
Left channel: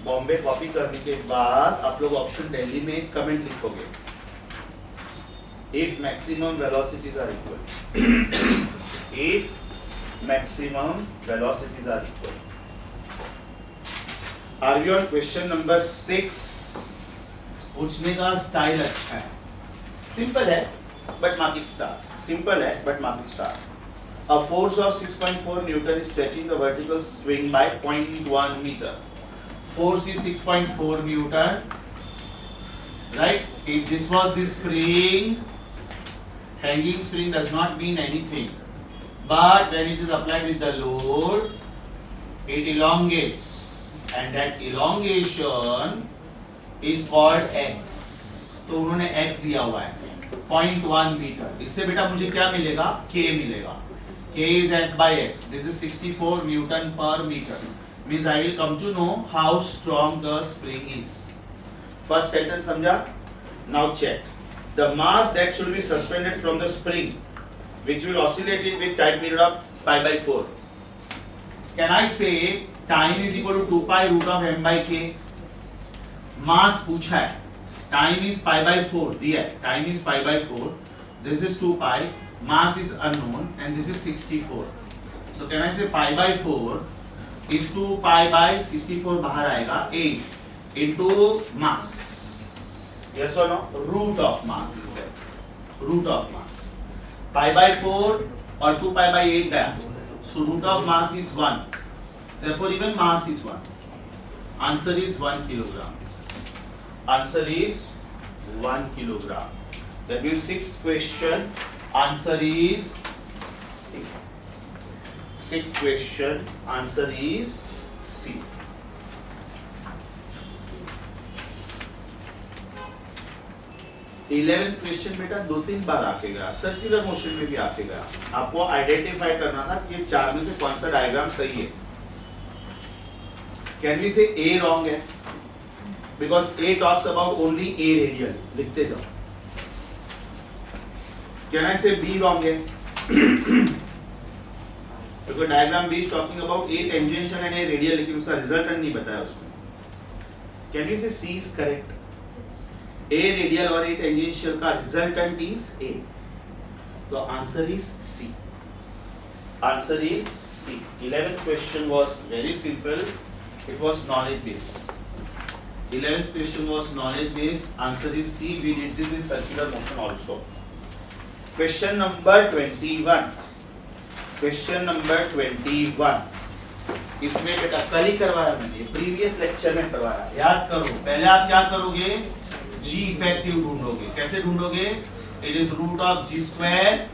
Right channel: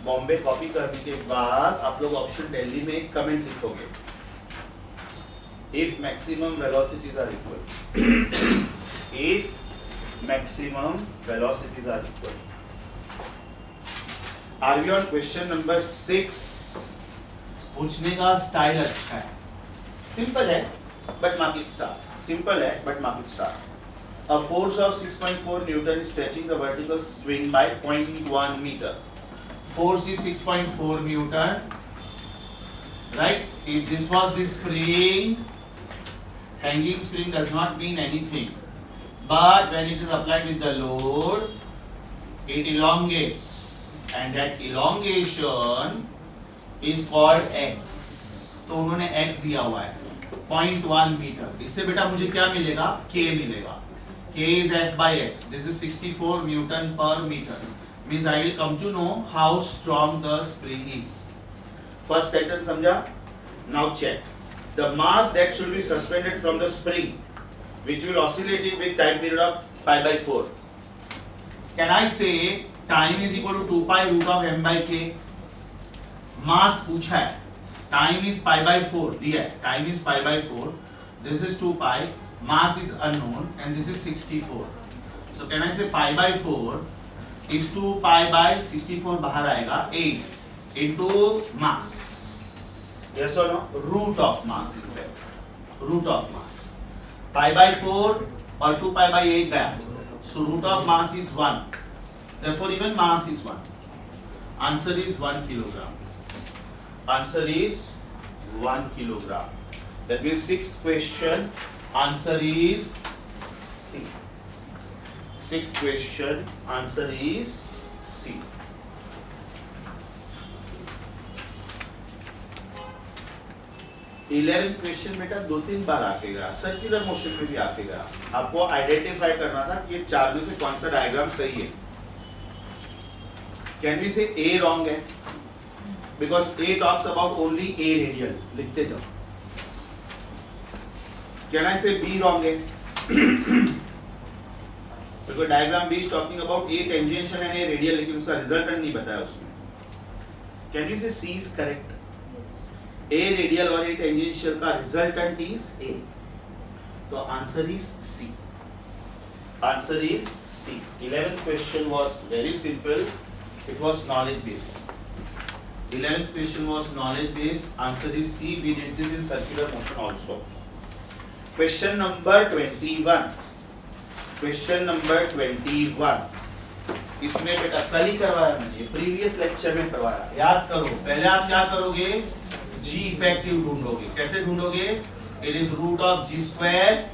बॉम्बे कॉपी करने के बाद आप लोग ऑप्शन दिल्ली में कमेंट लिखोगे। If maximum velocities are equal, if maximum velocities are equal. Are we on question number 6? पूछने का स्टाइल अच्छा है, सिंपल है but mark it star. Simple है but mark it star. A force of 6.4 Newton is stretching the vertical string by 0.1 meter. Force is 6.4 Newton, right? If this was the spring, hanging spring does not mean anything. But when it is applied with the load, it elongates, and that elongation is called x. तो उन्होंने x दिया हुआ है 0.1 metre. इससे बेटा मुझे क्या मिलेगा? k मिलेगा। K is f by x. This is 64 Newton per meter. Means I will come to know how strong the spring is. First sentence समझा? Now check. The mass that should be suspended from the spring, which will oscillate it with time period of pi by 4. Can I say time is equal to 2 pi root of m by k? Mass पूछा है. Time is pi by 4 दिया है. Time is pi by 4. This is 2 pi. Mass is unknown and this is 64. So can I say pi by 4 is 2 pi by 64 बाहर आएगा 8 into mass. Yes or no? Root of mass is there. Root of mass. Pi by 4 और 2 pi by 8 गया. So root of mass is 1. Therefore even mass is 1. Answer is 1 kilogram. Answer is 1 kilogram. That means sixth question. Answer is C. Sixth question. Answer is C. 11th question बेटा 2-3 बार आके गया, circular motion में भी आके गया। आपको identify करना था कि ये चार में से कौन सा डायग्राम सही है। कैन वी से A रॉन्ग है? Because A talks about only A radial, लिखते जाओ। कैन आई से B रॉन्ग है? Because diagram B is talking about A tangential and A radial, लेकिन उसका रिजल्टेंट नहीं बताया उसमें। कैन वी से C is correct? A radial और A टेंजेंशियल का रिजल्टेंट इज A, तो answer is C. Answer is C. 11th question was very simple. It was knowledge based. 11th question was knowledge based. Answer is C. We did this in circular motion also. Question number 21. Question number 21. इसमें बेटा कल ही करवाया मैंने, previous lecture में करवाया, याद करो। पहले आप क्या करोगे? G इफेक्टिव ढूंढोगे। कैसे ढूंढोगे? It is root of G square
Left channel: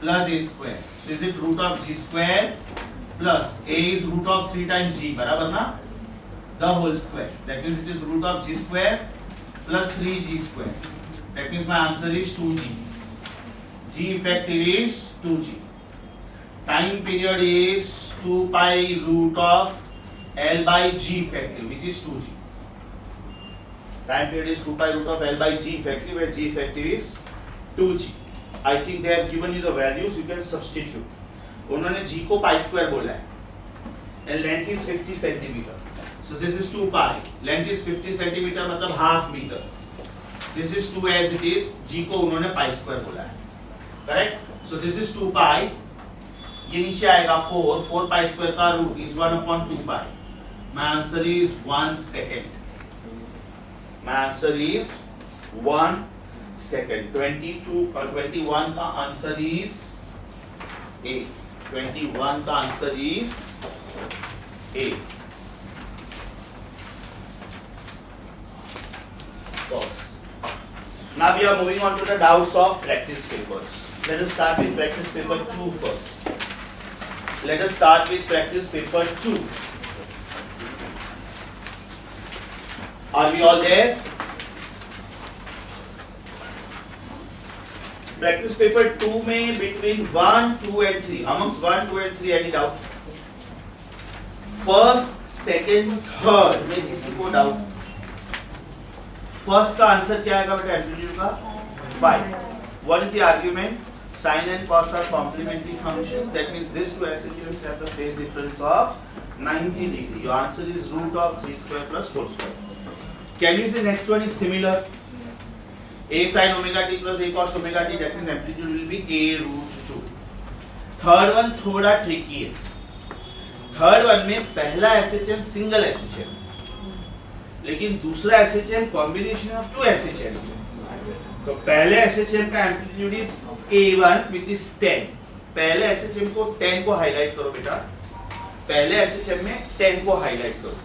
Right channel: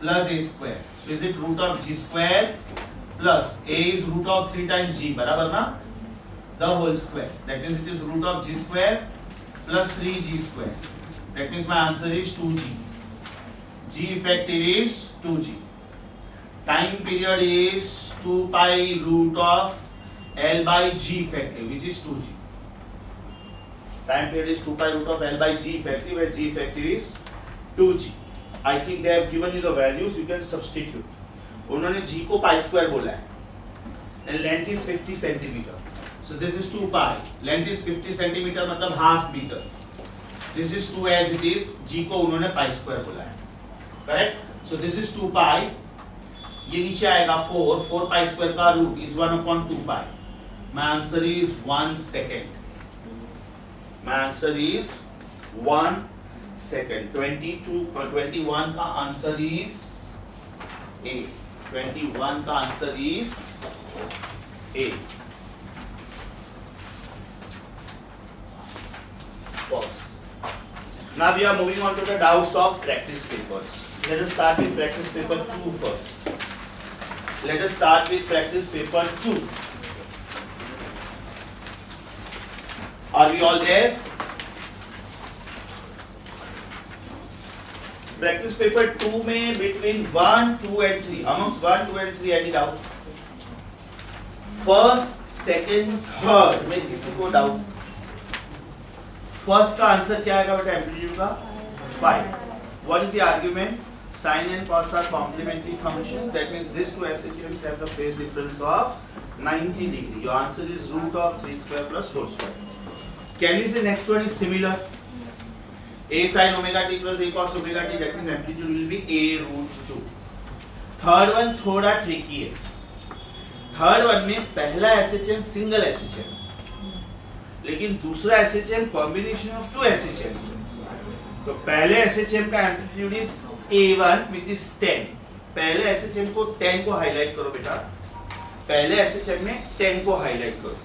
plus A square. So is it root of G square plus A is root of 3 times G, बराबर ना? The whole square. That means it is root of G square plus 3G square. That means my answer is 2G. G effective is 2G. Time period is 2 pi root of L by G effective, which is 2G. Time period is 2 pi root of L by G effective, where G effective is 2G. I think they have given you the values, you can substitute. उन्होंने G को pi square बोला है, and length is 50 centimeter. So this is 2 pi. Length is 50 centimeter, मतलब half meter. This is 2 as it is. G को उन्होंने pi square बोला है, correct? So this is 2 pi. ये नीचे आएगा 4. 4 pi square का root is 1 upon 2 pi. My answer is 1 second. My answer is 1 second 21 का आंसर इज ए। 21 का answer is a. Now we are moving on to the doubts of practice papers. Let us start with practice paper 2 first. Let us start with practice paper 2. Are we all there? Practice paper 2 में between 1, 2 and 3, amongst 1, 2 and 3 any doubt? First, second, third में किसी को doubt? First का answer क्या आएगा बेटा amplitude का 5. What is the argument? Sine and cos are complementary functions, that means this two SHMs have the phase difference of 90 degree. Your answer is root of 3 square plus 4 square. Can you say next one is similar? A sin omega t plus A cos omega t, that means amplitude will be A root 2. Third one थोड़ा tricky है. Third one में पहला SHM single SHM, लेकिन दूसरा SHM combination of two SHMs है. तो पहले SHM का amplitude is A1 which is 10. पहले SHM को 10 को हाईलाइट करो बेटा. पहले SHM में 10 को हाईलाइट करो.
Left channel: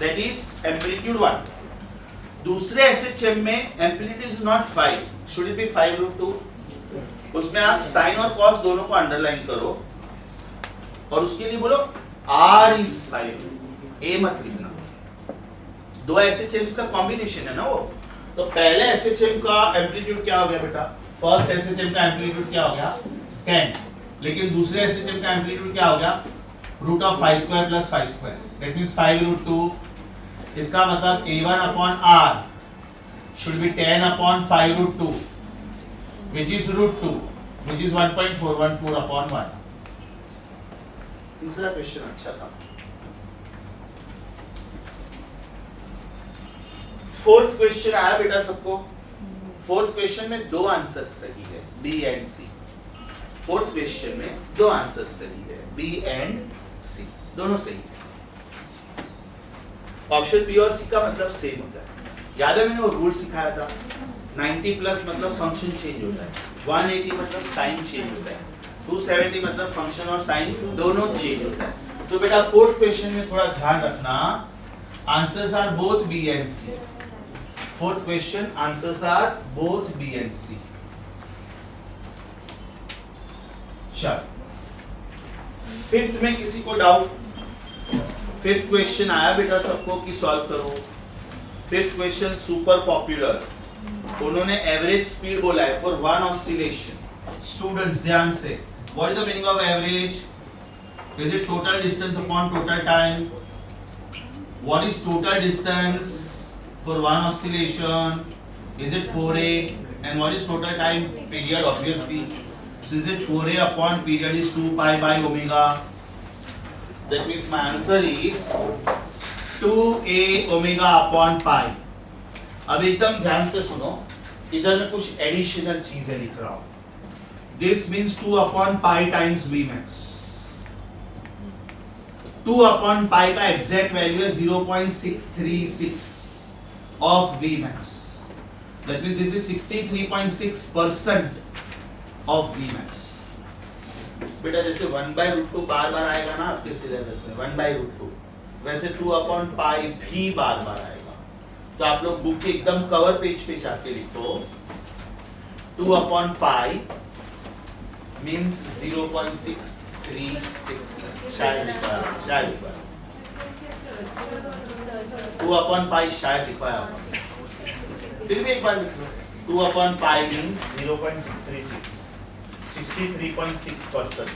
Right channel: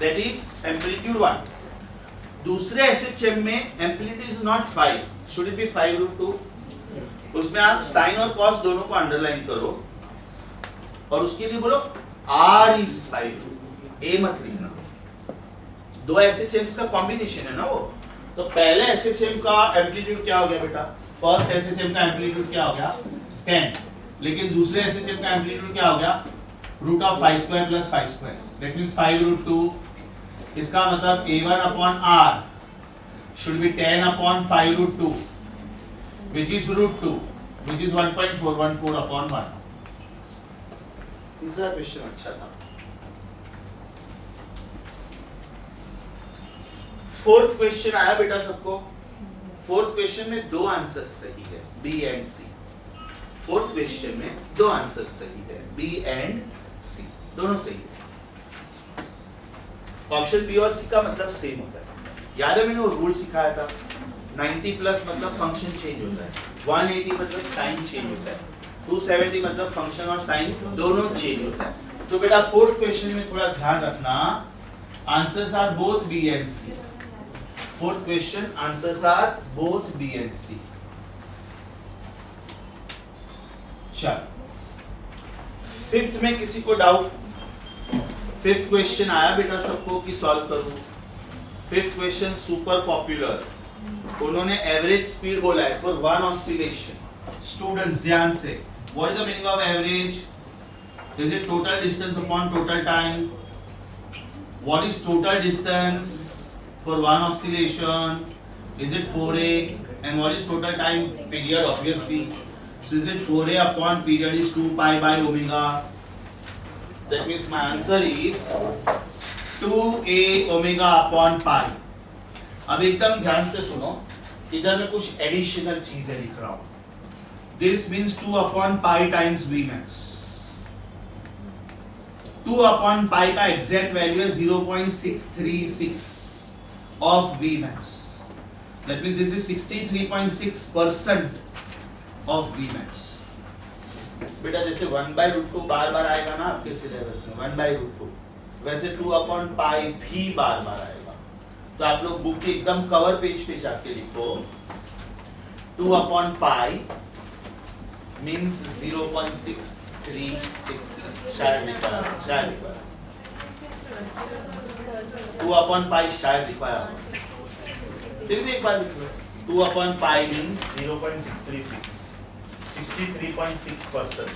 That is amplitude 1. दूसरे SHM में amplitude is not 5. Should it be 5 root 2? उसमें आप साइन और कॉस दोनों को अंडरलाइन करो और उसके लिए बोलो R इज 5. A मत लिखना. दो SHMs का कॉम्बिनेशन है ना वो. तो पहले SHM का एम्पलीट्यूड क्या हो गया बेटा? फर्स्ट SHM का एम्पलीट्यूड क्या हो गया? 10. लेकिन दूसरे SHM का एम्पलीट्यूड क्या हो गया? Root of 5 square plus 5 square, that means 5 root 2. इसका मतलब A1 upon R should be 10 upon 5 root 2 which is root 2 which is 1.414 upon 1. तीसरा क्वेश्चन अच्छा था. फोर्थ क्वेश्चन आया बेटा सबको. फोर्थ क्वेश्चन में दो आंसर्स सही है, B and C. Fourth question में दो आंसर्स सही है, बी एंड सी, दोनों सही है. ऑप्शन बी और सी का मतलब सेम होता है. याद है मैंने वो रूल सिखाया था, 90 प्लस मतलब फंक्शन चेंज होता है, 180 मतलब साइन चेंज होता है, 270 मतलब फंक्शन और साइन दोनों चेंज होता है. तो बेटा फोर्थ क्वेश्चन में थोड़ा ध्यान रखना, answers are both B and C. Fourth question, answers are both B and C. चलो, फिफ्थ में किसी को डाउट? फिफ्थ क्वेश्चन आया बेटा सबको कि सॉल्व करो. Fifth question super popular. उन्होंने एवरेज स्पीड बोला है फॉर वन ऑसिलेशन. स्टूडेंट्स ध्यान से, what is the meaning of average? Is it total distance upon total time? What is total distance for one oscillation? Is it 4a? And what is total time period? Obviously, so is it 4a upon period is 2 pi by omega. That means my answer is 2a omega upon pi. अब एकदम ध्यान से सुनो, इधर मैं कुछ additional चीजें लिख रहा हूं. This means 2 upon pi times Vmax. 2 upon pi का एग्जैक्ट वैल्यू है 0.636 of Vmax. That means this is 63.6% of Vmax. बेटा जैसे 1/√2 बार बार आएगा ना आपके सिलेबस में, 1/√2, वैसे 2 अपॉन पाई भी बार बार आएगा. तो आप लोग बुक के एकदम कवर पेज पे जाके लिखो 2 अपॉन पाई मीन्स 0.636. शायद लिखा 2 अपॉन पाई शायद लिखवाया, फिर भी एक बार लिख लो. 2 upon pi means 0.636, 63.6%.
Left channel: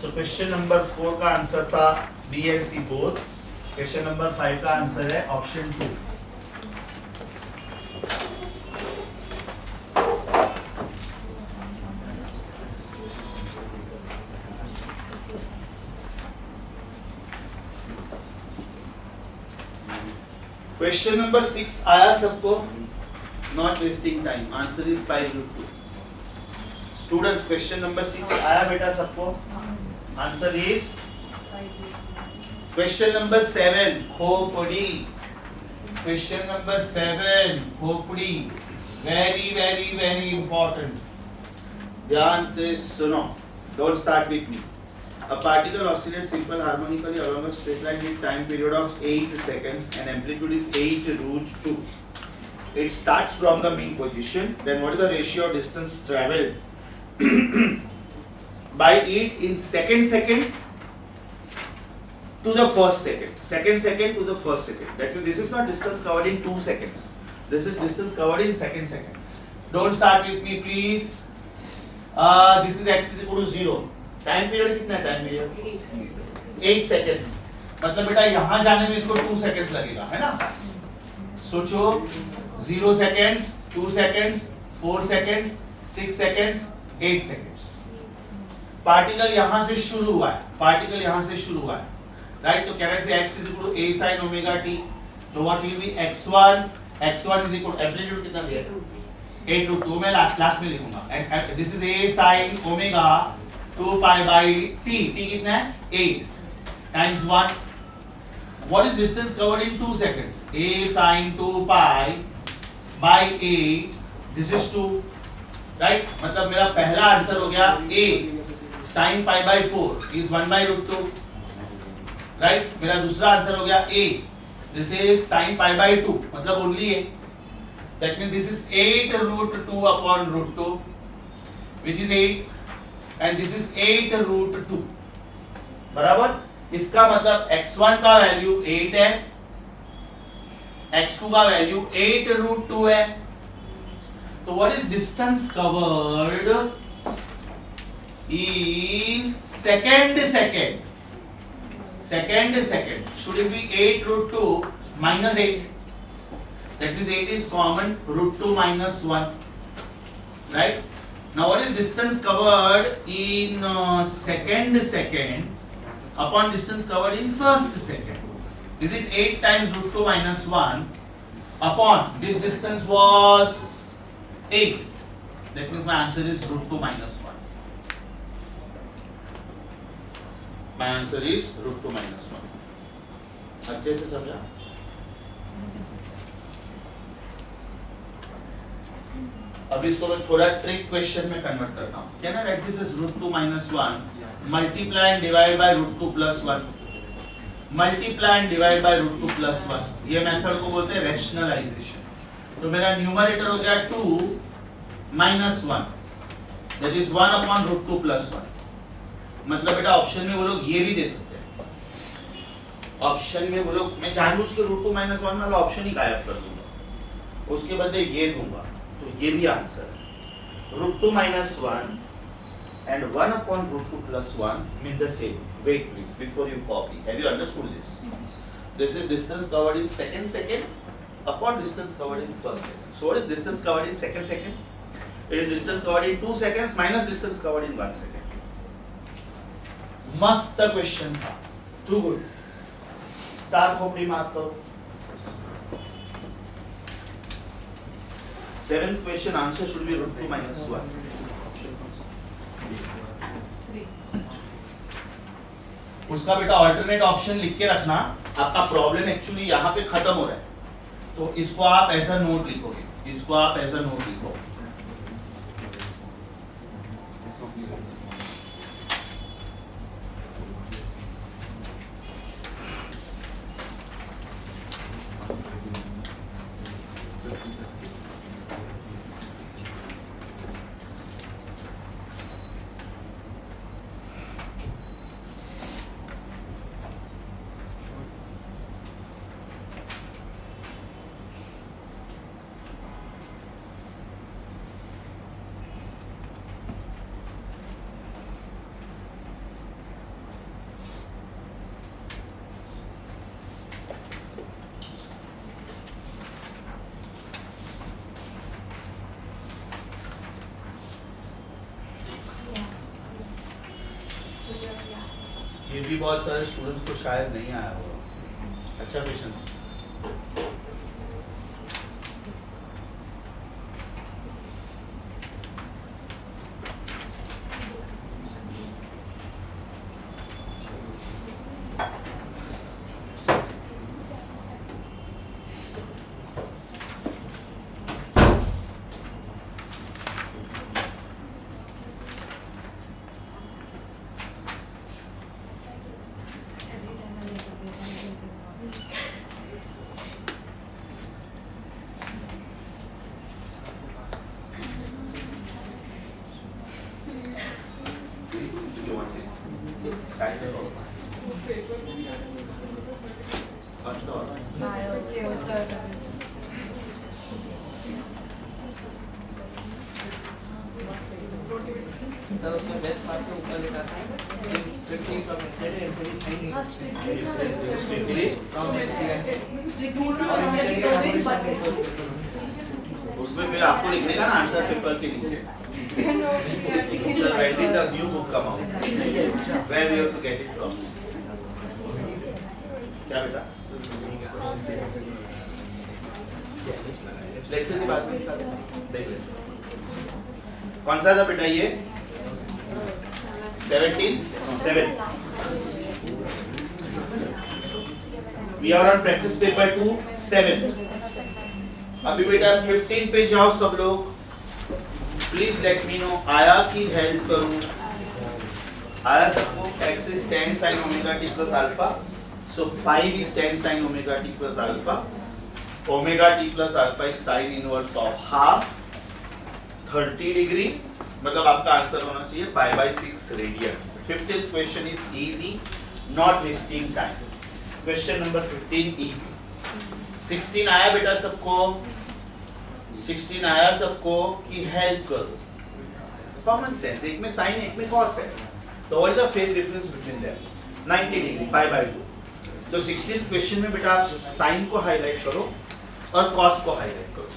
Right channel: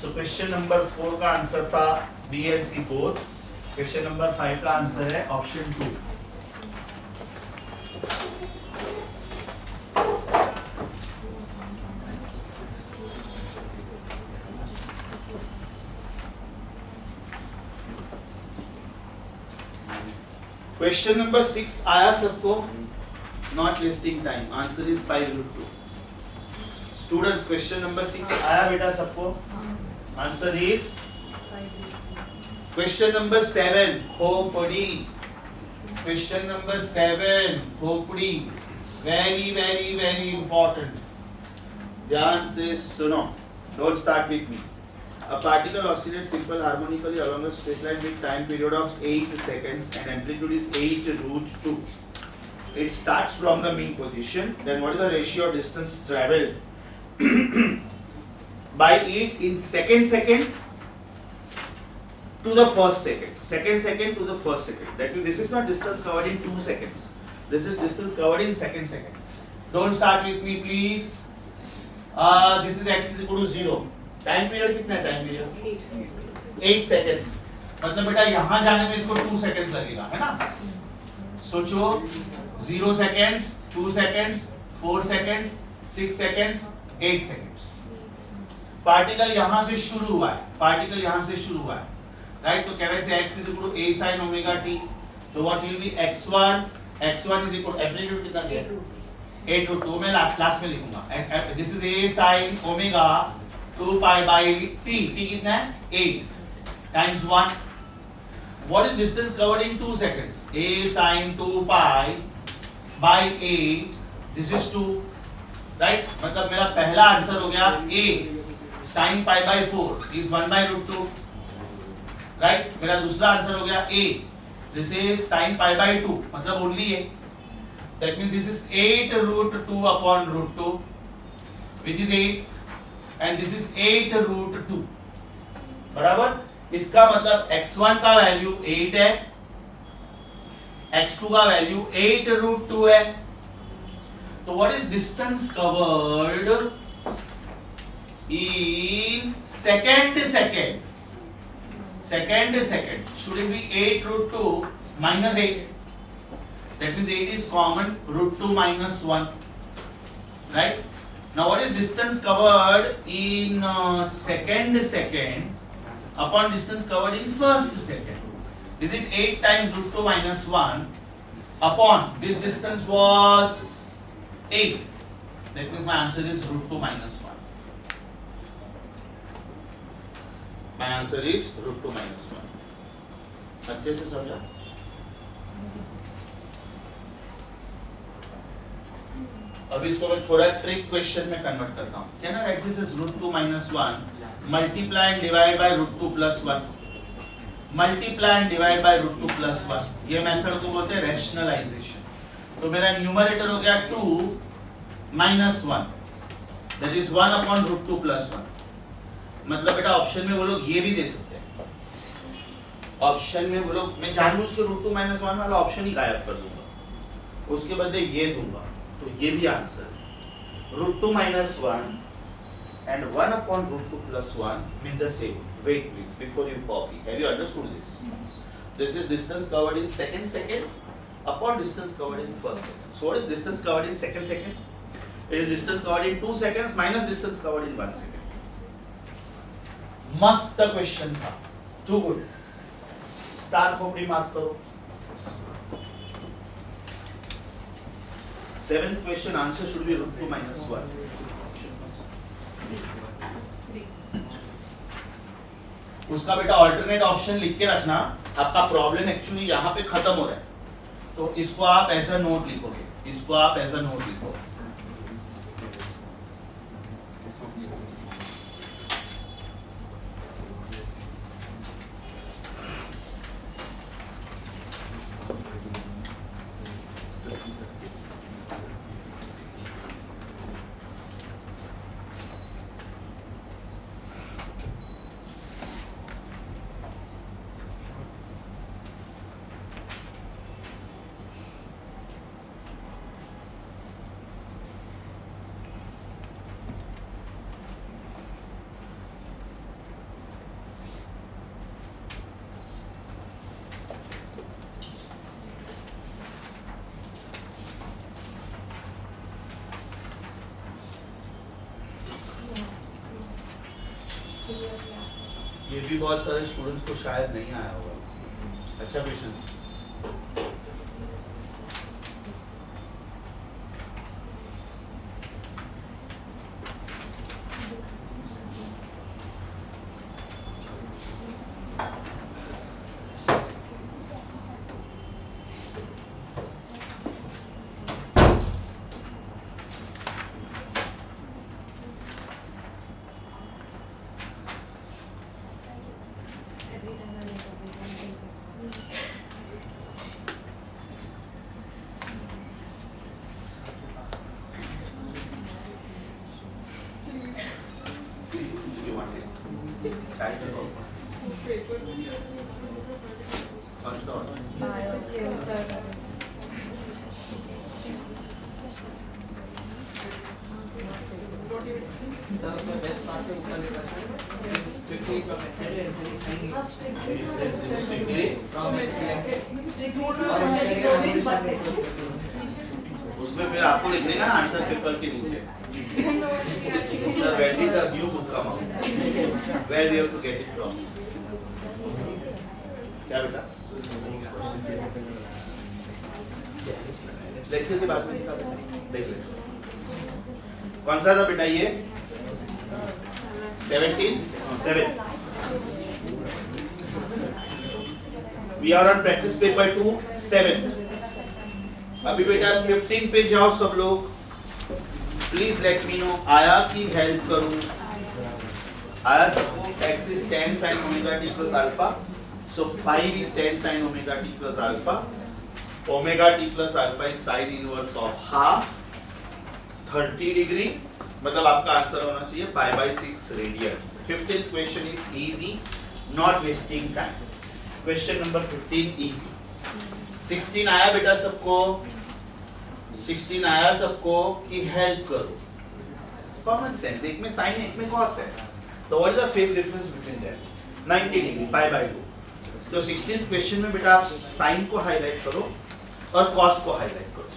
So question number 4 का आंसर था B and C both. Question number 5 का आंसर है ऑप्शन 2. क्वेश्चन नंबर 6 आया सबको? Not wasting time, answer is 5√2. Students question number 6 आया बेटा सबको? आंसर इज क्वेश्चन नंबर 7 खोपड़ी. क्वेश्चन नंबर 7 खोपड़ी. वेरी वेरी वेरी इंपॉर्टेंट, ध्यान से सुनो, don't start with me. A particle oscillates simple harmonically along a straight line with time period of 8 seconds and amplitude is 8 root 2. It starts from the mean position. Then what is the ratio of distance traveled by it in second to the first second? Second to the first second. That means this is not distance covered in 2 seconds. This is distance covered in second. Don't start with me, please. This is x is equal to 0. Time period कितना है? Time period 8 seconds. मतलब बेटा यहां जाने में इसको 2 seconds लगेगा, है ना? सोचो 0 seconds, 2 seconds, 4 seconds, 6 seconds, 8 seconds. Particle यहां से शुरू हुआ है, राइट? तो कह रहे हैं x is equal to a sin omega t. तो what will be x1 is equal amplitude कितना दिया? 8 रूट 2. मैं लास्ट में लिखूंगा. This is a sin omega 2 pi by t. t कितना है? 8 times 1. What is distance covered in 2 seconds? a sin 2 pi by 8. This is 2, right? मतलब मेरा पहला आंसर हो गया a sin pi by 4 is 1 by root 2, right? मेरा दूसरा answer हो गया a. This is sin pi by 2, मतलब only a. That means this is 8 root 2 upon root 2, which is 8. And this is 8 root 2. बराबर? इसका मतलब x1 का value 8 है, x2 का वैल्यू 8 root 2 है. तो what is distance covered in second? Should it be 8 root 2 minus 8? That means 8 is common, root 2 minus 1, right? Now what is distance covered in second upon distance covered in first second? Is it 8 times root 2 minus 1 upon this distance was 8? That means my answer is root 2 minus 1. My answer is root 2 minus 1. अच्छे से समझा? अब इसको मैं थोड़ा trick question में convert करता हूँ. Can I write this is root 2 minus 1 multiply and divide by root 2 plus 1. Multiply and divide by root 2 plus 1. ये मेथड को बोलते हैं रैशनलाइजेशन. तो मेरा न्यूमरेटर हो गया 2 minus 1, that is 1 upon root 2 plus 1. मतलब बेटा ऑप्शन में वो लोग ये भी दे सकते हैं. ऑप्शन में वो लोग, मैं जानबूझ के रूट 2 minus 1 वाला ऑप्शन ही गायब कर दूंगा, उसके बदले ये दूंगा. तो ये भी आंसर है. Root 2 minus 1 and 1 upon root 2 plus 1 mean the same. Wait please, before you copy. Have you understood this? This is distance covered in second upon distance covered in first second. So what is distance covered in second? It is distance covered in 2 seconds minus distance covered in 1 second. मस्त question था. Too good. Star को pre mark करो. 7th question answer should be root 2 minus 1. उसका बेटा alternate option लिख के रखना. आपका प्रॉब्लम एक्चुअली यहाँ पे खत्म हो रहा है, तो इसको आप एज अ नोट लिखो. ये भी बहुत सारे स्टूडेंट्स को शायद नहीं आया होगा. अच्छा क्वेश्चन. तो उसमें बेस्ट मार्क के ऊपर लिखा था स्ट्रिक्टली फ्रॉम उसमें फिर आपको लिखने का ना आंसर पेपर के नीचे sir when did the new book come out where we have to get it from क्या बेटा लेक्चर के बाद में लिखा देख ले कौन सा था बेटा ये 7 we are on practice paper 2 7 अभी बेटा 15 पे जाओ सब लोग प्लीज लेट मी नो आया की हेल्प करूं आया सबको x is tan sin omega t plus alpha so 5 is tan sin omega t plus alpha omega t plus alpha is sin inverse of half 30 degree मतलब आपका answer होना चाहिए pi by 6 radian 15th question is easy not wasting time question number 15 easy 16 आया बेटा सबको 16 आया सबको कि हेल्प करो कॉमन सेंस एक में साइन एक में कॉस है तो what is the phase difference between them 90 degree pi by 2 तो 16th क्वेश्चन में बेटा आप साइन को हाईलाइट करो और कॉस को हाईलाइट करो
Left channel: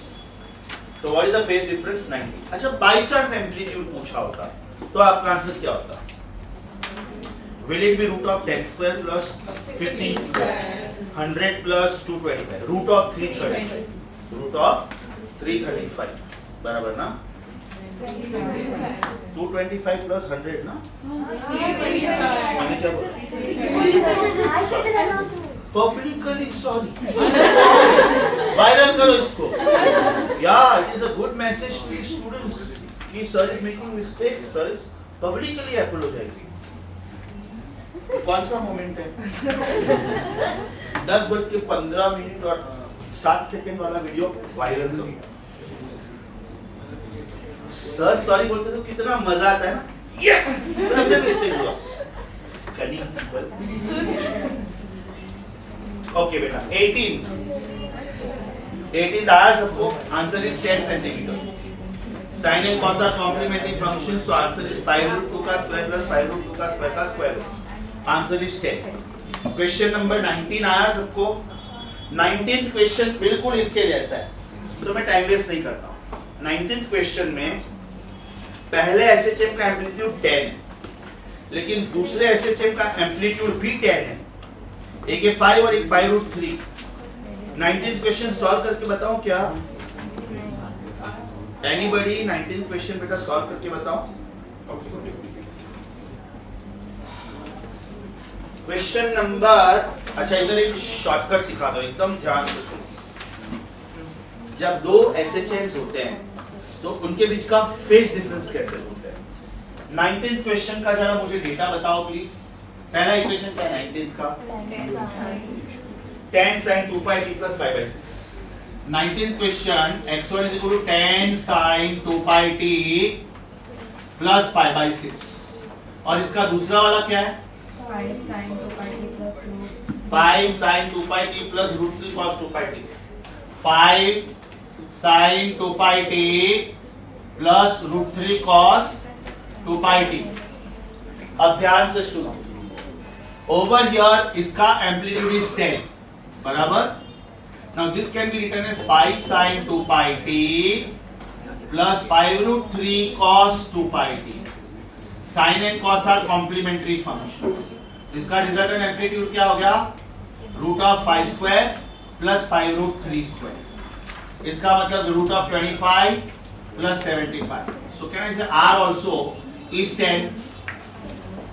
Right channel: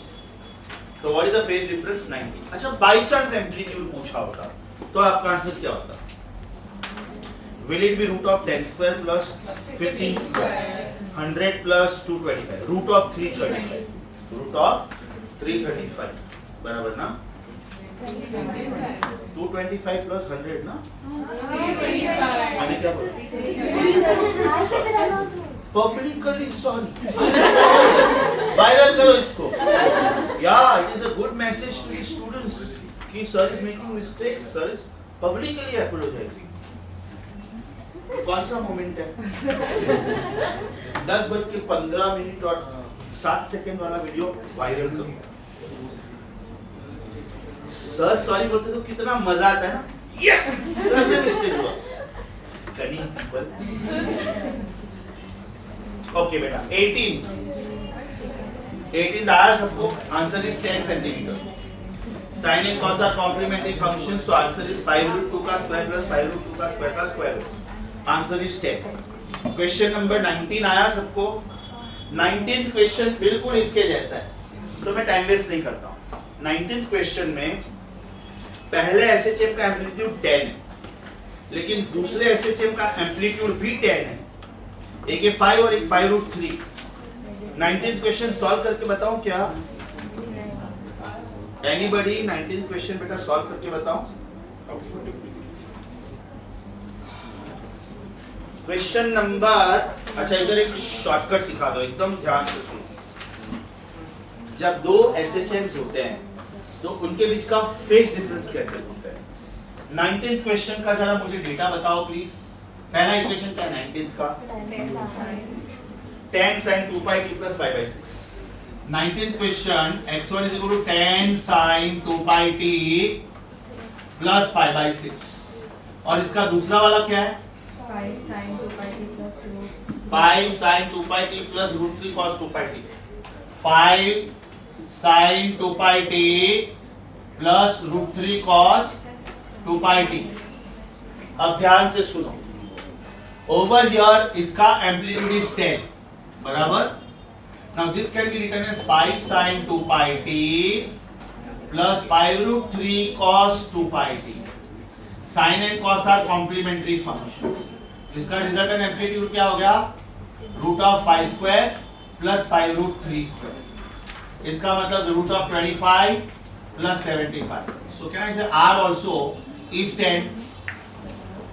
तो what is the phase difference 90 अच्छा बाय चांस एम्पलीट्यूड पूछा होता तो आपका आंसर क्या होता will it be root of 10 square plus 15 square 100 plus 225 root of 335 root of 335 बराबर ना 225 plus 100 ना मैंने क्या बोला पब्लिकली सॉरी वायरल करो इसको या it is a good message to students कि sir is making mistakes sir is publicly apologising कौन सा मोमेंट है 10:15 और 7 सेकंड वाला वीडियो वायरल करो सर सॉरी बोलते तो कितना मजा आता है ना यस सर से मिस्टेक हुआ कनिंग पीपल ओके बेटा 18 आया सबको answer is 10 centimetre sin and cos are complementary functions so answer is 5√2 का स्क्वायर प्लस 5√2 का स्क्वायर का square root answer is 10 question number 19 आया सबको 19th क्वेश्चन बिल्कुल इसके जैसा है तो मैं टाइम वेस्ट नहीं करता हूं 19th क्वेश्चन में पहले एसएचएम का एम्पलीट्यूड 10 है लेकिन दूसरे एसएचएम का एम्पलीट्यूड भी 10 है एक है 5 और एक 5√3 19th क्वेश्चन सॉल्व करके बताऊं क्या एनीबॉडी 19th क्वेश्चन बेटा सॉल्व करके बताओ क्वेश्चन नंबर अच्छा इधर एक शॉर्टकट सिखा दो एकदम ध्यान से सुनो जब दो एसएचएम्स होते हैं तो उनके बीच का फेज डिफरेंस कैसे होता है 19th क्वेश्चन का जरा मुझे डेटा बताओ प्लीज पहला इक्वेशन क्या है 19th का tan sin 2 pi t plus pi by 6 19th question x1 is equal to tan sin 2 pi t plus pi by 6 और इसका दूसरा वाला क्या है 5 sin 2 pi t plus root 3 cos 2 pi t 5 sin 2 pi t plus root 3 cos 2 pi t अब ध्यान से सुनो ओवर हियर इसका एम्पलीट्यूड इज 10 बराबर now this can be written as 5 sin 2 pi t plus 5√3 cos 2 pi t sin and cos are complementary functions इसका resultant amplitude क्या हो गया root of 5 square plus 5√3 square इसका मतलब root of 25 plus 75 so can I say r also is 10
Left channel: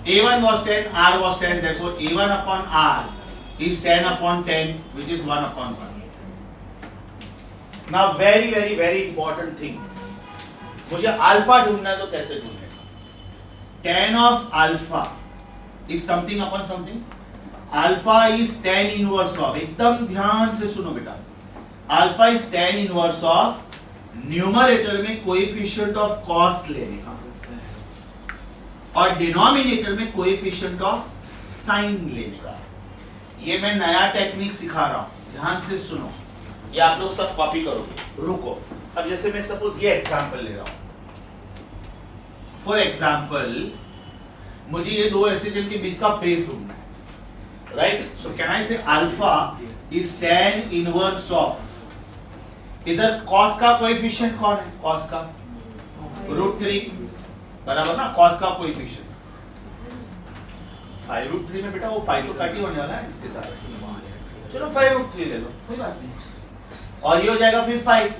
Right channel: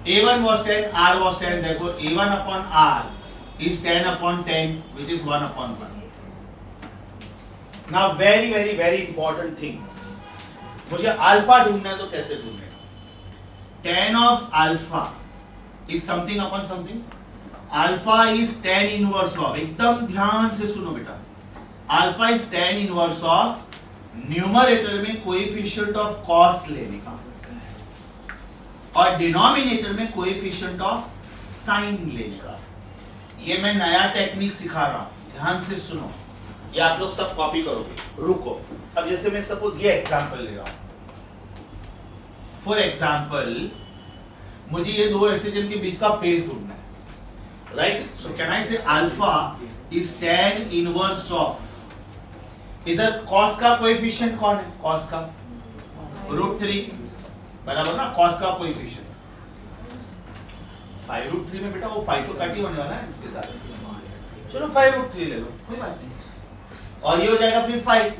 a1 was 10 r was 10 therefore a1 upon r is 10 upon 10 which is 1 upon 1 now very important thing मुझे alpha ढूंढना है तो कैसे ढूंढेगा tan of alpha is something upon something alpha is tan inverse of एकदम ध्यान से सुनो बेटा alpha is tan inverse of numerator में कोएफिशिएंट ऑफ cos लेने का और डिनोमिनेटर में कोएफिशिएंट ऑफ साइन लेने का। ये मैं नया टेक्निक सिखा रहा हूं, ध्यान से सुनो, ये आप लोग सब कॉपी करोगे। रुको, अब जैसे मैं सपोज ये एग्जांपल ले रहा हूं, फॉर एग्जांपल मुझे ये दो एसएचएल के बीच का फेज ढूंढना है, राइट? सो कैन आई से alpha is tan inverse of, इधर cos का कोएफिशिएंट कौन है? cos का √3, बराबर ना? cos का कोएफिशिएंट 5√3 में बेटा वो 5 तो काट ही होने वाला है इसके साथ, चलो 5√3 ले लो, कोई बात नहीं, और ये हो जाएगा फिर 5।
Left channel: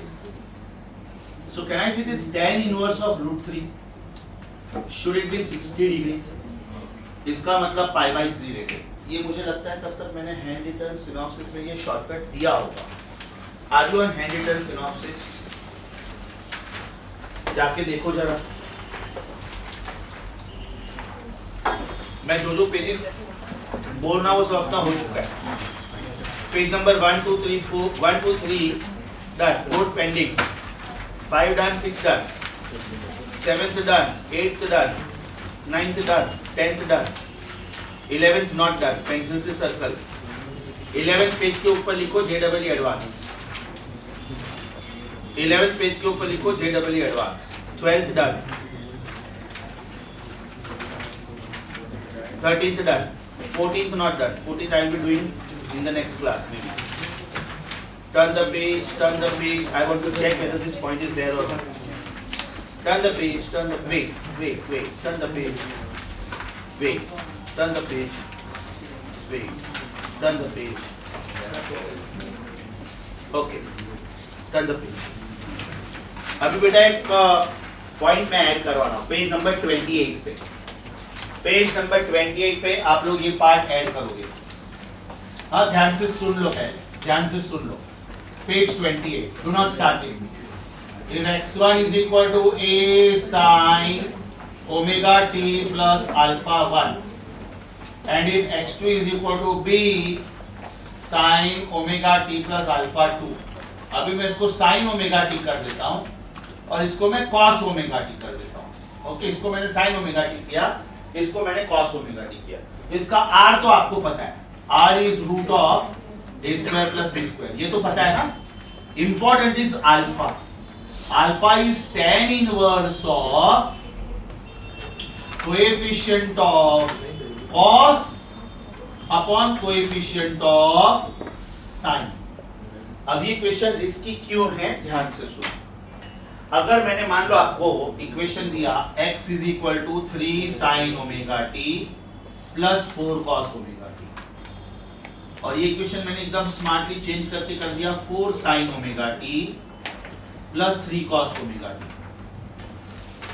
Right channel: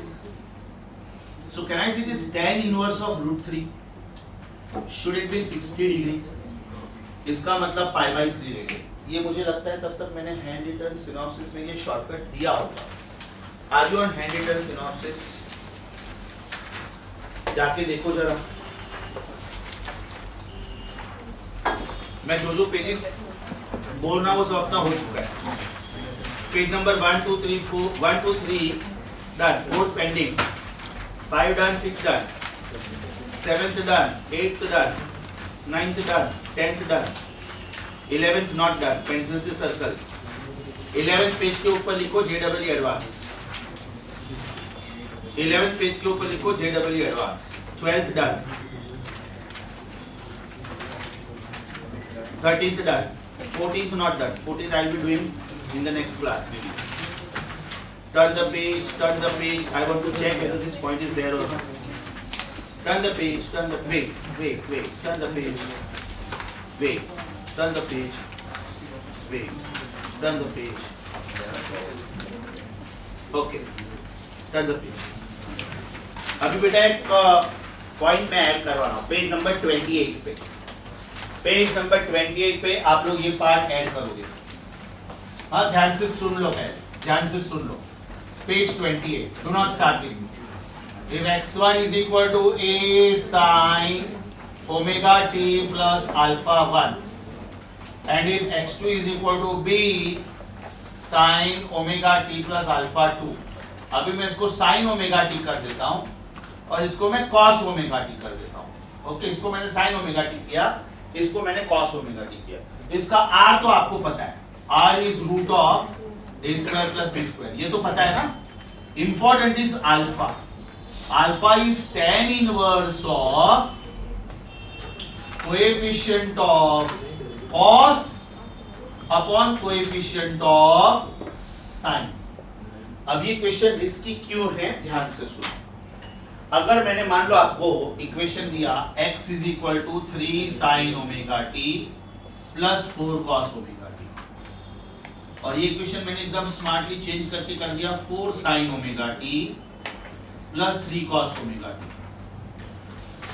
So can I see this tan inverse of √3, should it B 60 degree, इसका मतलब π/3 रेडियन। ये मुझे लगता है तब तक मैंने हैंड रिटन सिनॉप्सिस में ये शॉर्टकट दिया होगा। Are you on hand written synopsis? जाके देखो जरा, मैं जो पेजेस बोलना वो सब अपना हो चुका है। Page number 1 2 3 4 1 2 3 done, 4th pending, 5 done, 6 done, 7th done, 8th done, 9th done, 10th done, 11th not done, pencil से सर्कल। 11th पेज के ऊपर लिखो JEE एडवांस, 11th पेज के ऊपर लिखो JEE advance. 12th done, 13th done, 14th not done, 14th I will be doing in the next class maybe. Turn the page, I want to check whether this point is there or not. Turn the page, turn the, wait, turn the page, wait, turn the page, wait, turn the page, okay, turn the page. अभी बेटा एक point मैं add करवा रहा हूँ, page number 28 पे, page number 28 पे आप लोग ये पार्ट ऐड करोगे। हाँ, ध्यान से सुन लो, ध्यान से सुन लो। Page 28, do not start with me. If x1 is equal to a sin omega t plus alpha 1 and if x2 is equal to b sin omega t plus alpha 2, अभी मैं इसको sin omega t कर देता हूँ और इसको मैं cos omega t कर देता हूँ। ओके, इसको मैंने sin omega t किया, इसको मैंने cos omega t किया। इसका r तो आपको पता है, r is root of a square plus b square, ये तो पता है ना। Important is alpha. Alpha is tan inverse of coefficient of cos upon coefficient of sin. अब ये क्वेश्चन रिस्की क्यों है, ध्यान से सुनो। अगर मैंने मान लो आपको इक्वेशन दिया x is equal to 3 sin omega t plus 4 cos omega t, और ये इक्वेशन मैंने एकदम स्मार्टली चेंज करके कर दिया 4 sin omega t plus 3 cos omega t।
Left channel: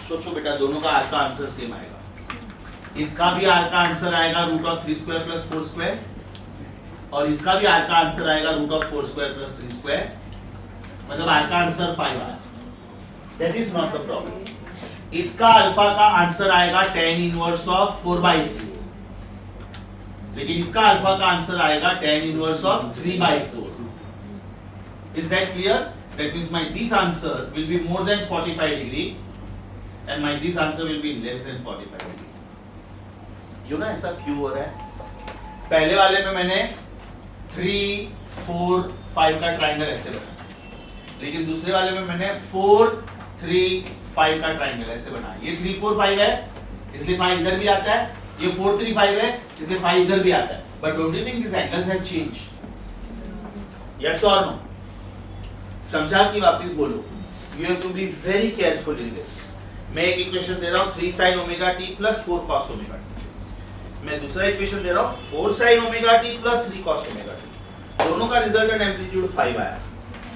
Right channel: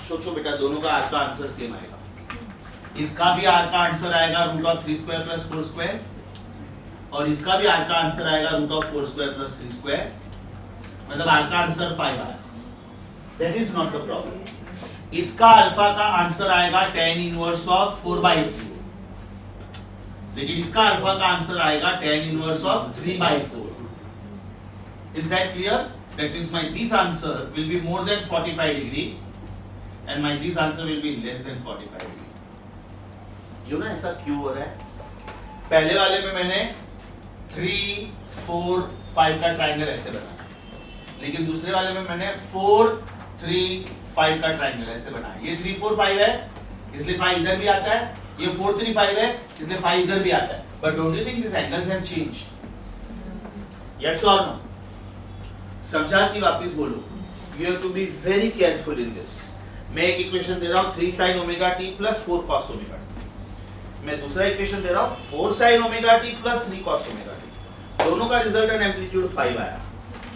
सोचो बेटा, दोनों का r का आंसर सेम आएगा, इसका भी r का आंसर आएगा root of 3 square plus 4 square, और इसका भी r का आंसर आएगा root of 4 square plus 3 square, मतलब r का आंसर 5 आएगा। That is not the problem. इसका अल्फा का आंसर आएगा tan इनवर्स ऑफ 4/3, लेकिन इसका अल्फा का आंसर आएगा tan inverse of 3/4. Is that clear? That means my this answer will be more than 45 degree and my this answer will be less than 45 degree. You know ऐसा क्यों हो रहा है? पहले वाले में मैंने 3, 4, 5 का ट्राइंगल ऐसे बनाया, लेकिन दूसरे वाले में मैंने 4, 3, 5 का ट्राइंगल ऐसे बनाया। ये 3, 4, 5 है, इसलिए 5 इधर भी आता है, ये 4, 3, 5 है, इसलिए 5 इधर भी आता है। But don't you think these angles have changed? Yes or no? समझा कि वापिस बोलो? You have to be very careful in this. मैं एक इक्वेशन दे रहा हूँ 3 sin omega t plus 4 cos omega t, मैं दूसरा इक्वेशन दे रहा हूँ 4 sin omega t plus 3 cos omega t। दोनों का रिजल्टेंट एम्पलीट्यूड 5 आया,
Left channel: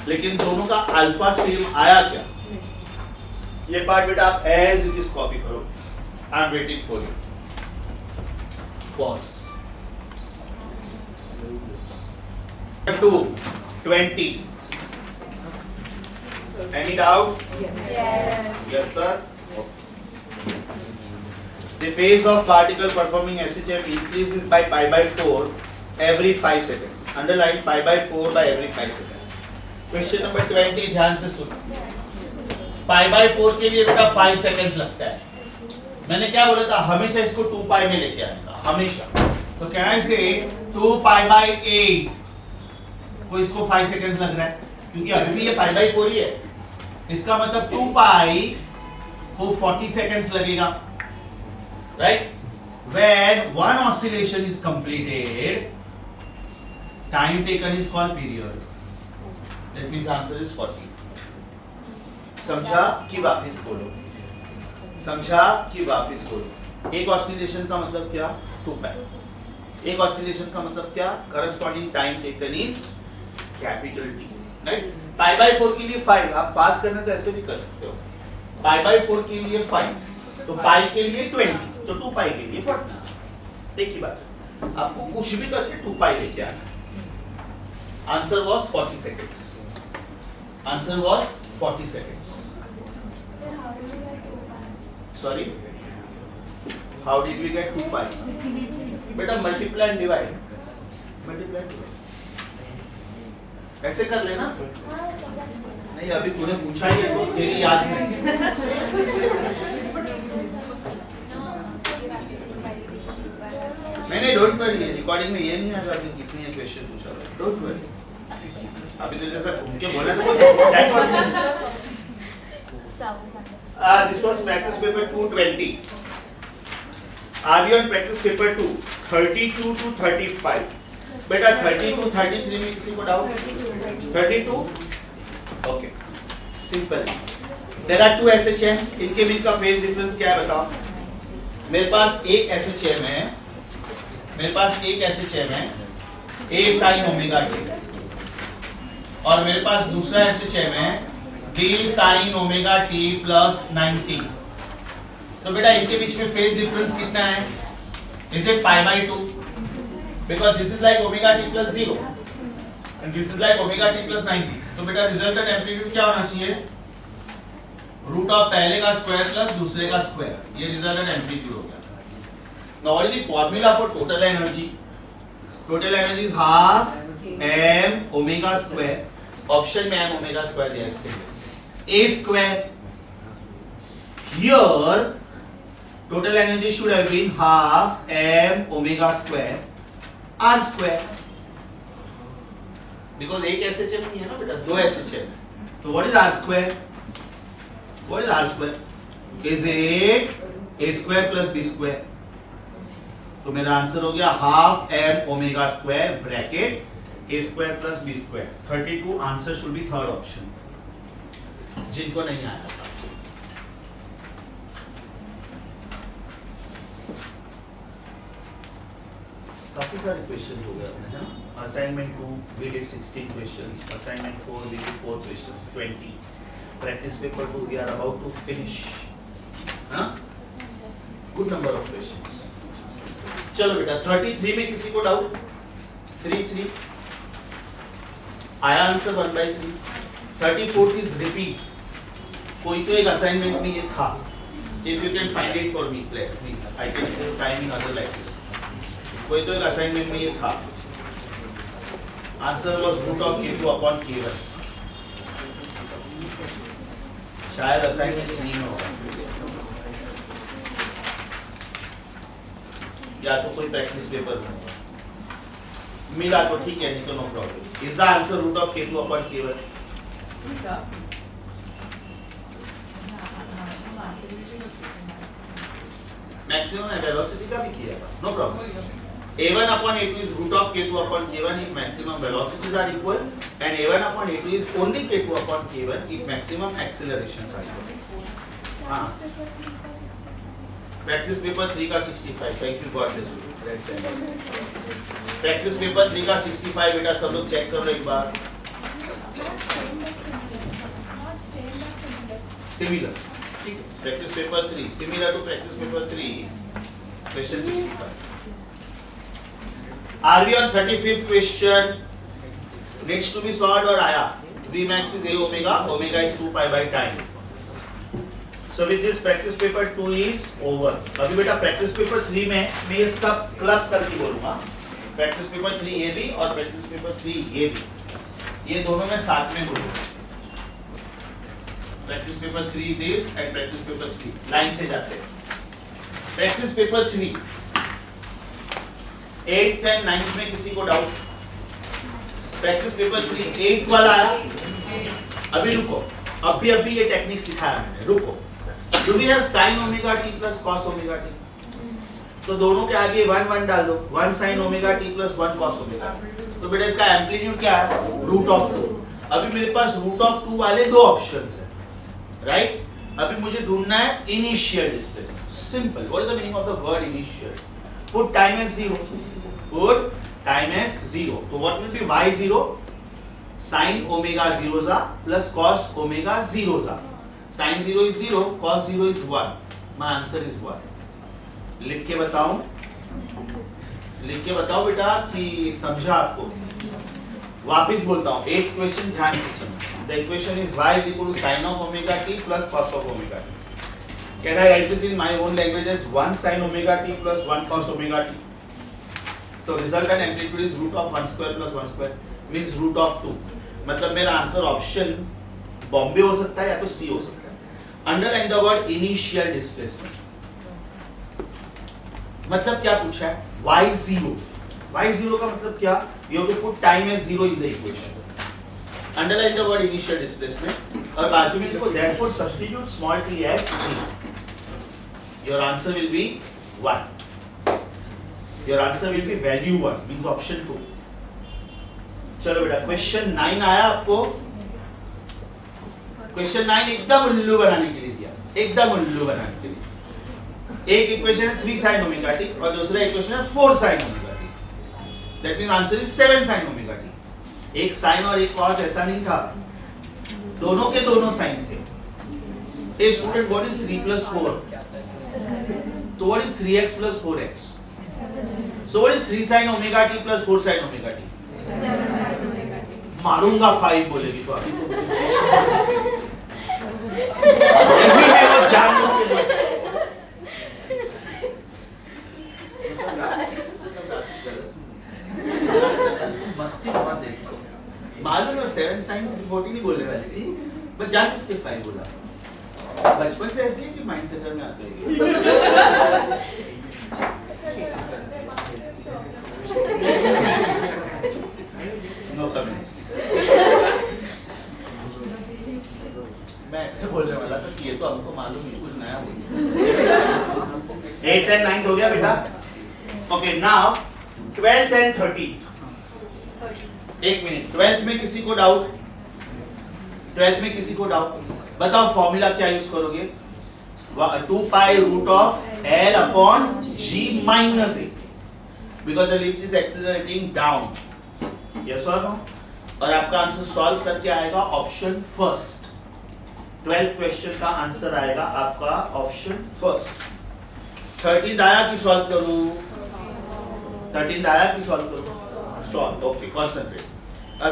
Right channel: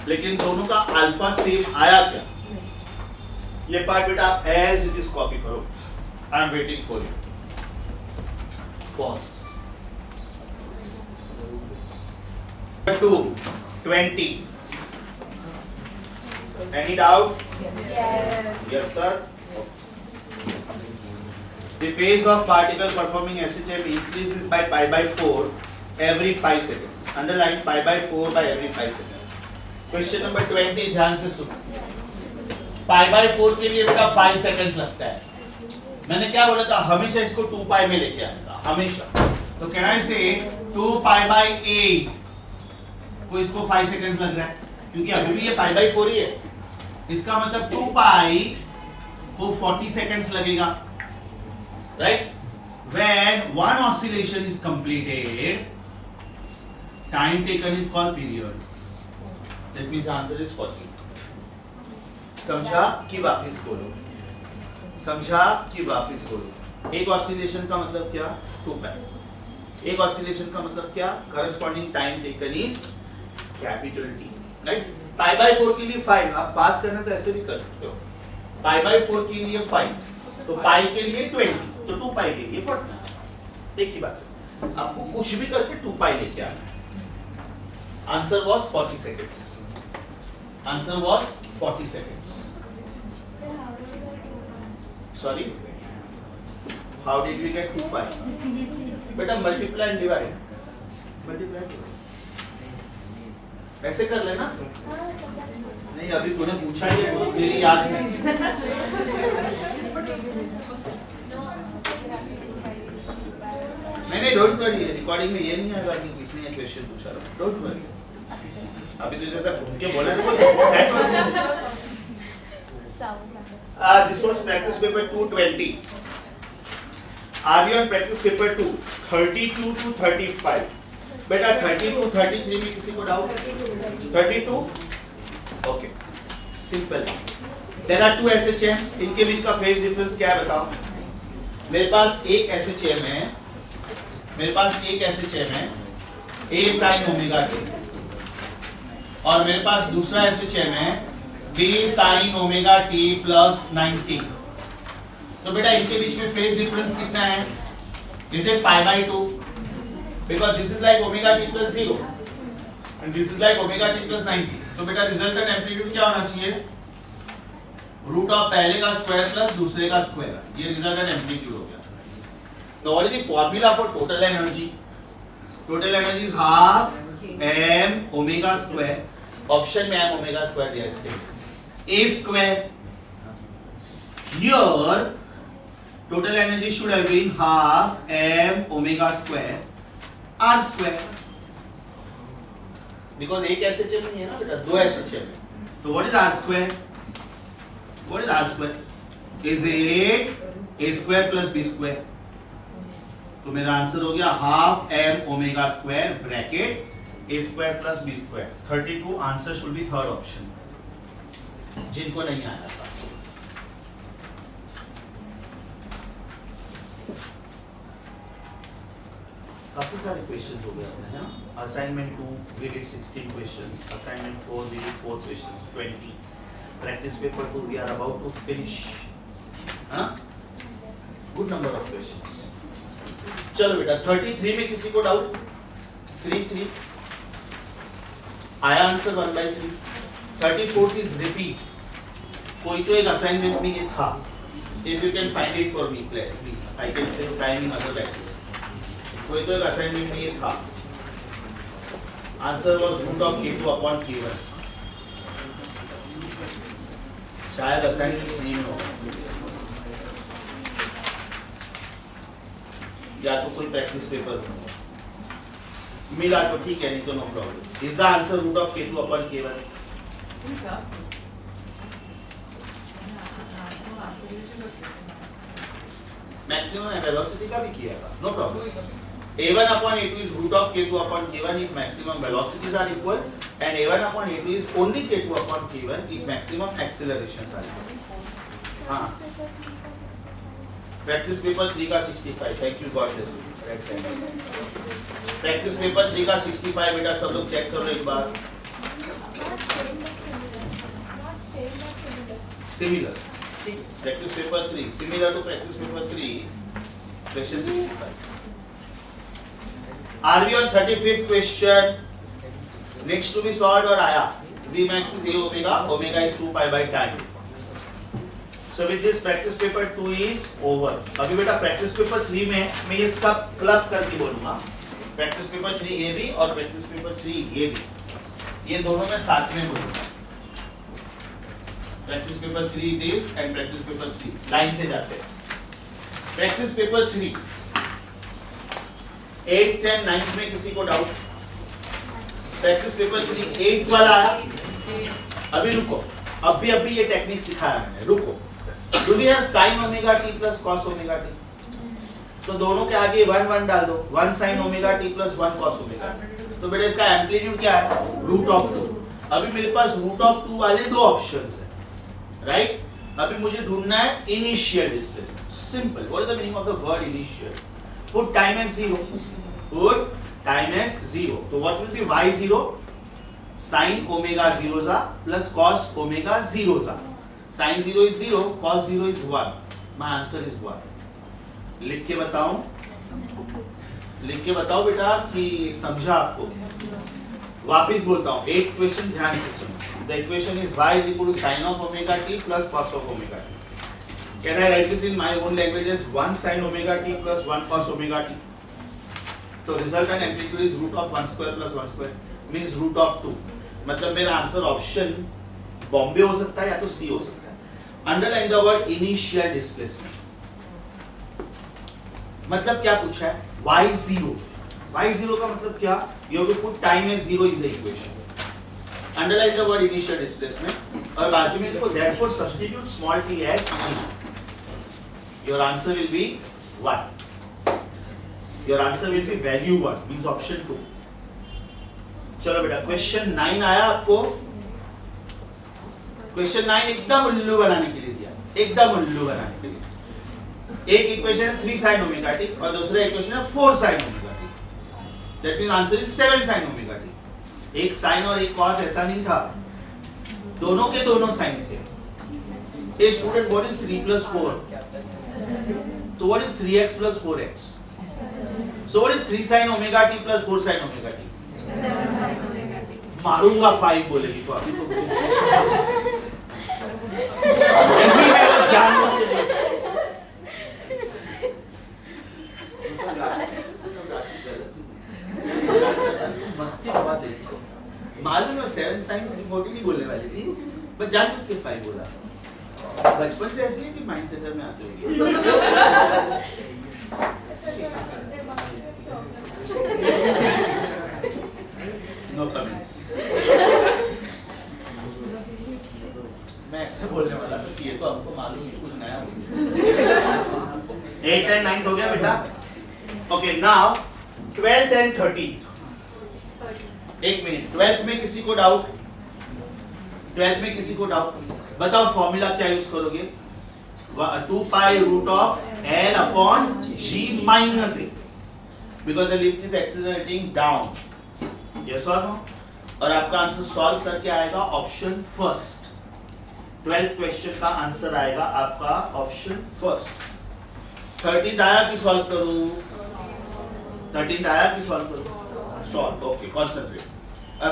लेकिन दोनों का अल्फा सेम आया क्या? ये पार्ट बेटा आप एज इट इज कॉपी करो। I am waiting for you. Pause. 2, 20. Any doubt? Yes. Yes, sir. The phase of particle performing SHM increases by pi/4 every 5 seconds. Underline pi/4 by every 5 seconds. Question number 20, ध्यान से सुनो। pi/4 के लिए बेटा 5 seconds लगता है, मैंने क्या बोला था, हमेशा इसको 2 पाई में लेके आएगा, हमेशा। तो कैन आई से 2 पाई बाई 8 को इसको 5 सेकंड्स लग रहा है, क्योंकि अभी भी ये पाई बाई 4 ही है। इसका मतलब 2 पाई को 40 सेकंड्स लगेगा, right? When one oscillation is completed, time taken is called period. That means answer is 40. समझा कि वापिस बोलो, समझा कि वापिस बोलो। एक ऑसिलेशन का मतलब क्या? 2 पाई। एक ऑसिलेशन का मतलब क्या? Corresponding time taken is capital T, right? Pi by 4 के लिए 5, आप पास करना तो ऐसे भी कर सकते हो। पाई बाई 4 के लिए 5, तो पाई के लिए 20, तो 2 पाई के लिए 40। देखिए बात है, आपको कुछ भी करके 2 पाई लेके आना है। Answer was 40 seconds, answer was 40 seconds. Sorry, how did we get 2 pi? बेटा multiply and divide, multiply and divide ऐसे कर लेना। नहीं अभी तूने पूछा ही है, तो तेरी याद नहीं, डोंट वरी, रिकॉर्डिंग में ये नहीं आएगा कि किसने ये क्वेश्चन पूछा था, डोंट वरी। अभी तो जैसा घूम के बोला था, that was this was practice paper 220। Are we on practice paper 2 32 to 35? बेटा 32 33 में किसी को doubt? 32 okay, simple. There are 2 SHMs, इनके बीच का फेज डिफरेंस क्या है बताओ? मेरे पास एक SHM है, मेरे पास एक SHM है A sin ओमेगा t, और मेरे पास दूसरा SHM है B sin omega t plus 90। तो बेटा इनके बीच में फेज डिफरेंस कितना है? Is it pi by 2? Because this is like omega t plus 0 and this is like omega t plus 90. तो बेटा रिजल्टेंट एम्पलीट्यूड क्या होना चाहिए? रूट ऑफ पहले का स्क्वायर प्लस दूसरे का स्क्वायर, ये रिजल्टेंट एम्पलीट्यूड हो गया। Now what is the formula for total energy? Total energy is half m omega square. Option में m omega square दिया इसके लिए, a square. Here total energy should have been half m omega square r square, because एक SHM नहीं है ना बेटा, 2 SHM है। तो what is r square? What is r square? Is it a square plus b square? तो मेरा answer हो गया half m omega square bracket a square plus b square. 32 answer should B third option, जिनको नहीं आया था। काफी सारे क्वेश्चंस हो गए अपने, है ना? Assignment 2 we did 16 questions, assignment 4 we did 4 questions, 20। Practice paper 2 we are about to finish, है ना? Good number of questions. चलो बेटा 33 में किसी को डाउट? 3 आया आंसर 1/3। 34 इज रिपीट, कोई तो एक असाइनमेंट में ये था। If you can find it for me please, I can save time in other like this. कोई तो एक असाइनमेंट में ये था, answer was root of k2 upon k1। शायद असाइनमेंट नहीं होगा, या तो कोई प्रैक्टिस पेपर हो मिला तो ठीक है, नहीं तो no problem. Is the answer root of k2 upon k1? Maximum velocity का भी किया था, no problem. a1 upon a2 is root of k2 upon k1 if maximum velocities are equal, and a1 upon a2 is only k2 upon k1 if maximum accelerations are equal. हाँ, practice paper 3 का 65, thank you God bless you. Practice paper 3 का 65 बेटा सब लोग check करो एक बार। Similar, ठीक है, practice paper 3 similar to practice paper 3 question 65। Are we on 35th question? Next to be solved और आया, V max is a omega, omega is 2 pi by time. So with this practice paper 2 is over. अभी बेटा practice paper 3 में मैं ये सब club करके बोलूँगा, practice paper 3 ये भी और practice paper 3 ये भी, ये दोनों में साथ में बोलूँगा। practice paper 3 this and practice paper 3 line से जाते हैं। Practice paper 3 8th and 9th में किसी को डाउट? प्रैक्टिस पेपर 3 8th वाला आया? अभी रुको, अभी ये टेक्निक सिखाया मैंने, रुको। Do we have sin omega t plus cos omega t? तो दोनों के आगे 1 1 डाल दो, 1 sin omega t plus 1 cos omega t। तो बेटा इसका एम्पलीट्यूड क्या है? √2। अभी मेरे पास √2 वाले दो ऑप्शंस हैं, राइट? अभी मुझे ढूंढना है initial displacement. Simple, what is the meaning of the word initial? Put time as 0, put time as 0। तो what will be y0? sin omega 0 ज़ा प्लस cos ओमेगा 0 ज़ा। sin 0 is 0, cos 0 is 1. My answer is 1. लिख के बताऊं बेटा कि समझा आपको? वापिस बोलता हूं, 8th क्वेश्चन ध्यान से सुनो। The equation is y is equal to sin of omega t plus cos of omega t. Can I write this in my own language as 1 sin omega t plus 1 cos omega t? तो resultant amplitude is root of 1 square plus 1 square means root of 2. मतलब मेरा answer option Bombay हो सकता है या तो सी हो सकता है। Underline the word initial displacement. मतलब क्या पूछा है? y0 का मतलब क्या? You have to put time as 0 in the equation. Underline the word initial displacement और बाजू में लिखो therefore substitute small t as 0. Your answer will be 1. Your answer will be value 1 means option 2. चलो बेटा question 9 आया आपको? Question 9 एकदम उल्लू बनाने के लिए दिया, एकदम उल्लू बनाने के लिए। एक इक्वेशन है 3 sin ओमेगा t और दूसरा इक्वेशन है 4 sin omega t। That means answer is 7 sin omega t। एक sin और एक cos ऐसा नहीं था, दोनों के दोनों sin थे। A student, what is 3 plus 4? तो what is 3x plus 4x? So what is 3 sin omega t plus 4 sin omega t? मारूंगा 5 बोलेगी तो अभी तो यही है वो जान मस्ती बहुत है इसको मालूम है। 7 sin 40 नहीं बोलने वाली थी, बट जान बुझ के 5 बोला। बचपन से ऐसी है कि माइंड सेट में आते हैं। No comments. मैं ऐसे बोलने वाला था कि ये तो हमको मालूम है कुछ नया हो। 8th and 9th हो गया बेटा? Okay, now 12th and 13th। एक मिनट, 12th में किसी को डाउट? 12th में किसी को डाउट? बताओ फॉर्मूला क्या यूज करोगे? 2 pi root of L upon G minus A because the lift is accelerating down. Yes or no? और आपका आंसर सॉल्व करके आएगा ऑप्शन फर्स्ट। 12th क्वेश्चन का आंसर आएगा आपका ऑप्शन फर्स्ट। 13th आया कि सॉल्व करूं? 13th आया कि सॉल्व करूं? Solve. Okay, concentrate.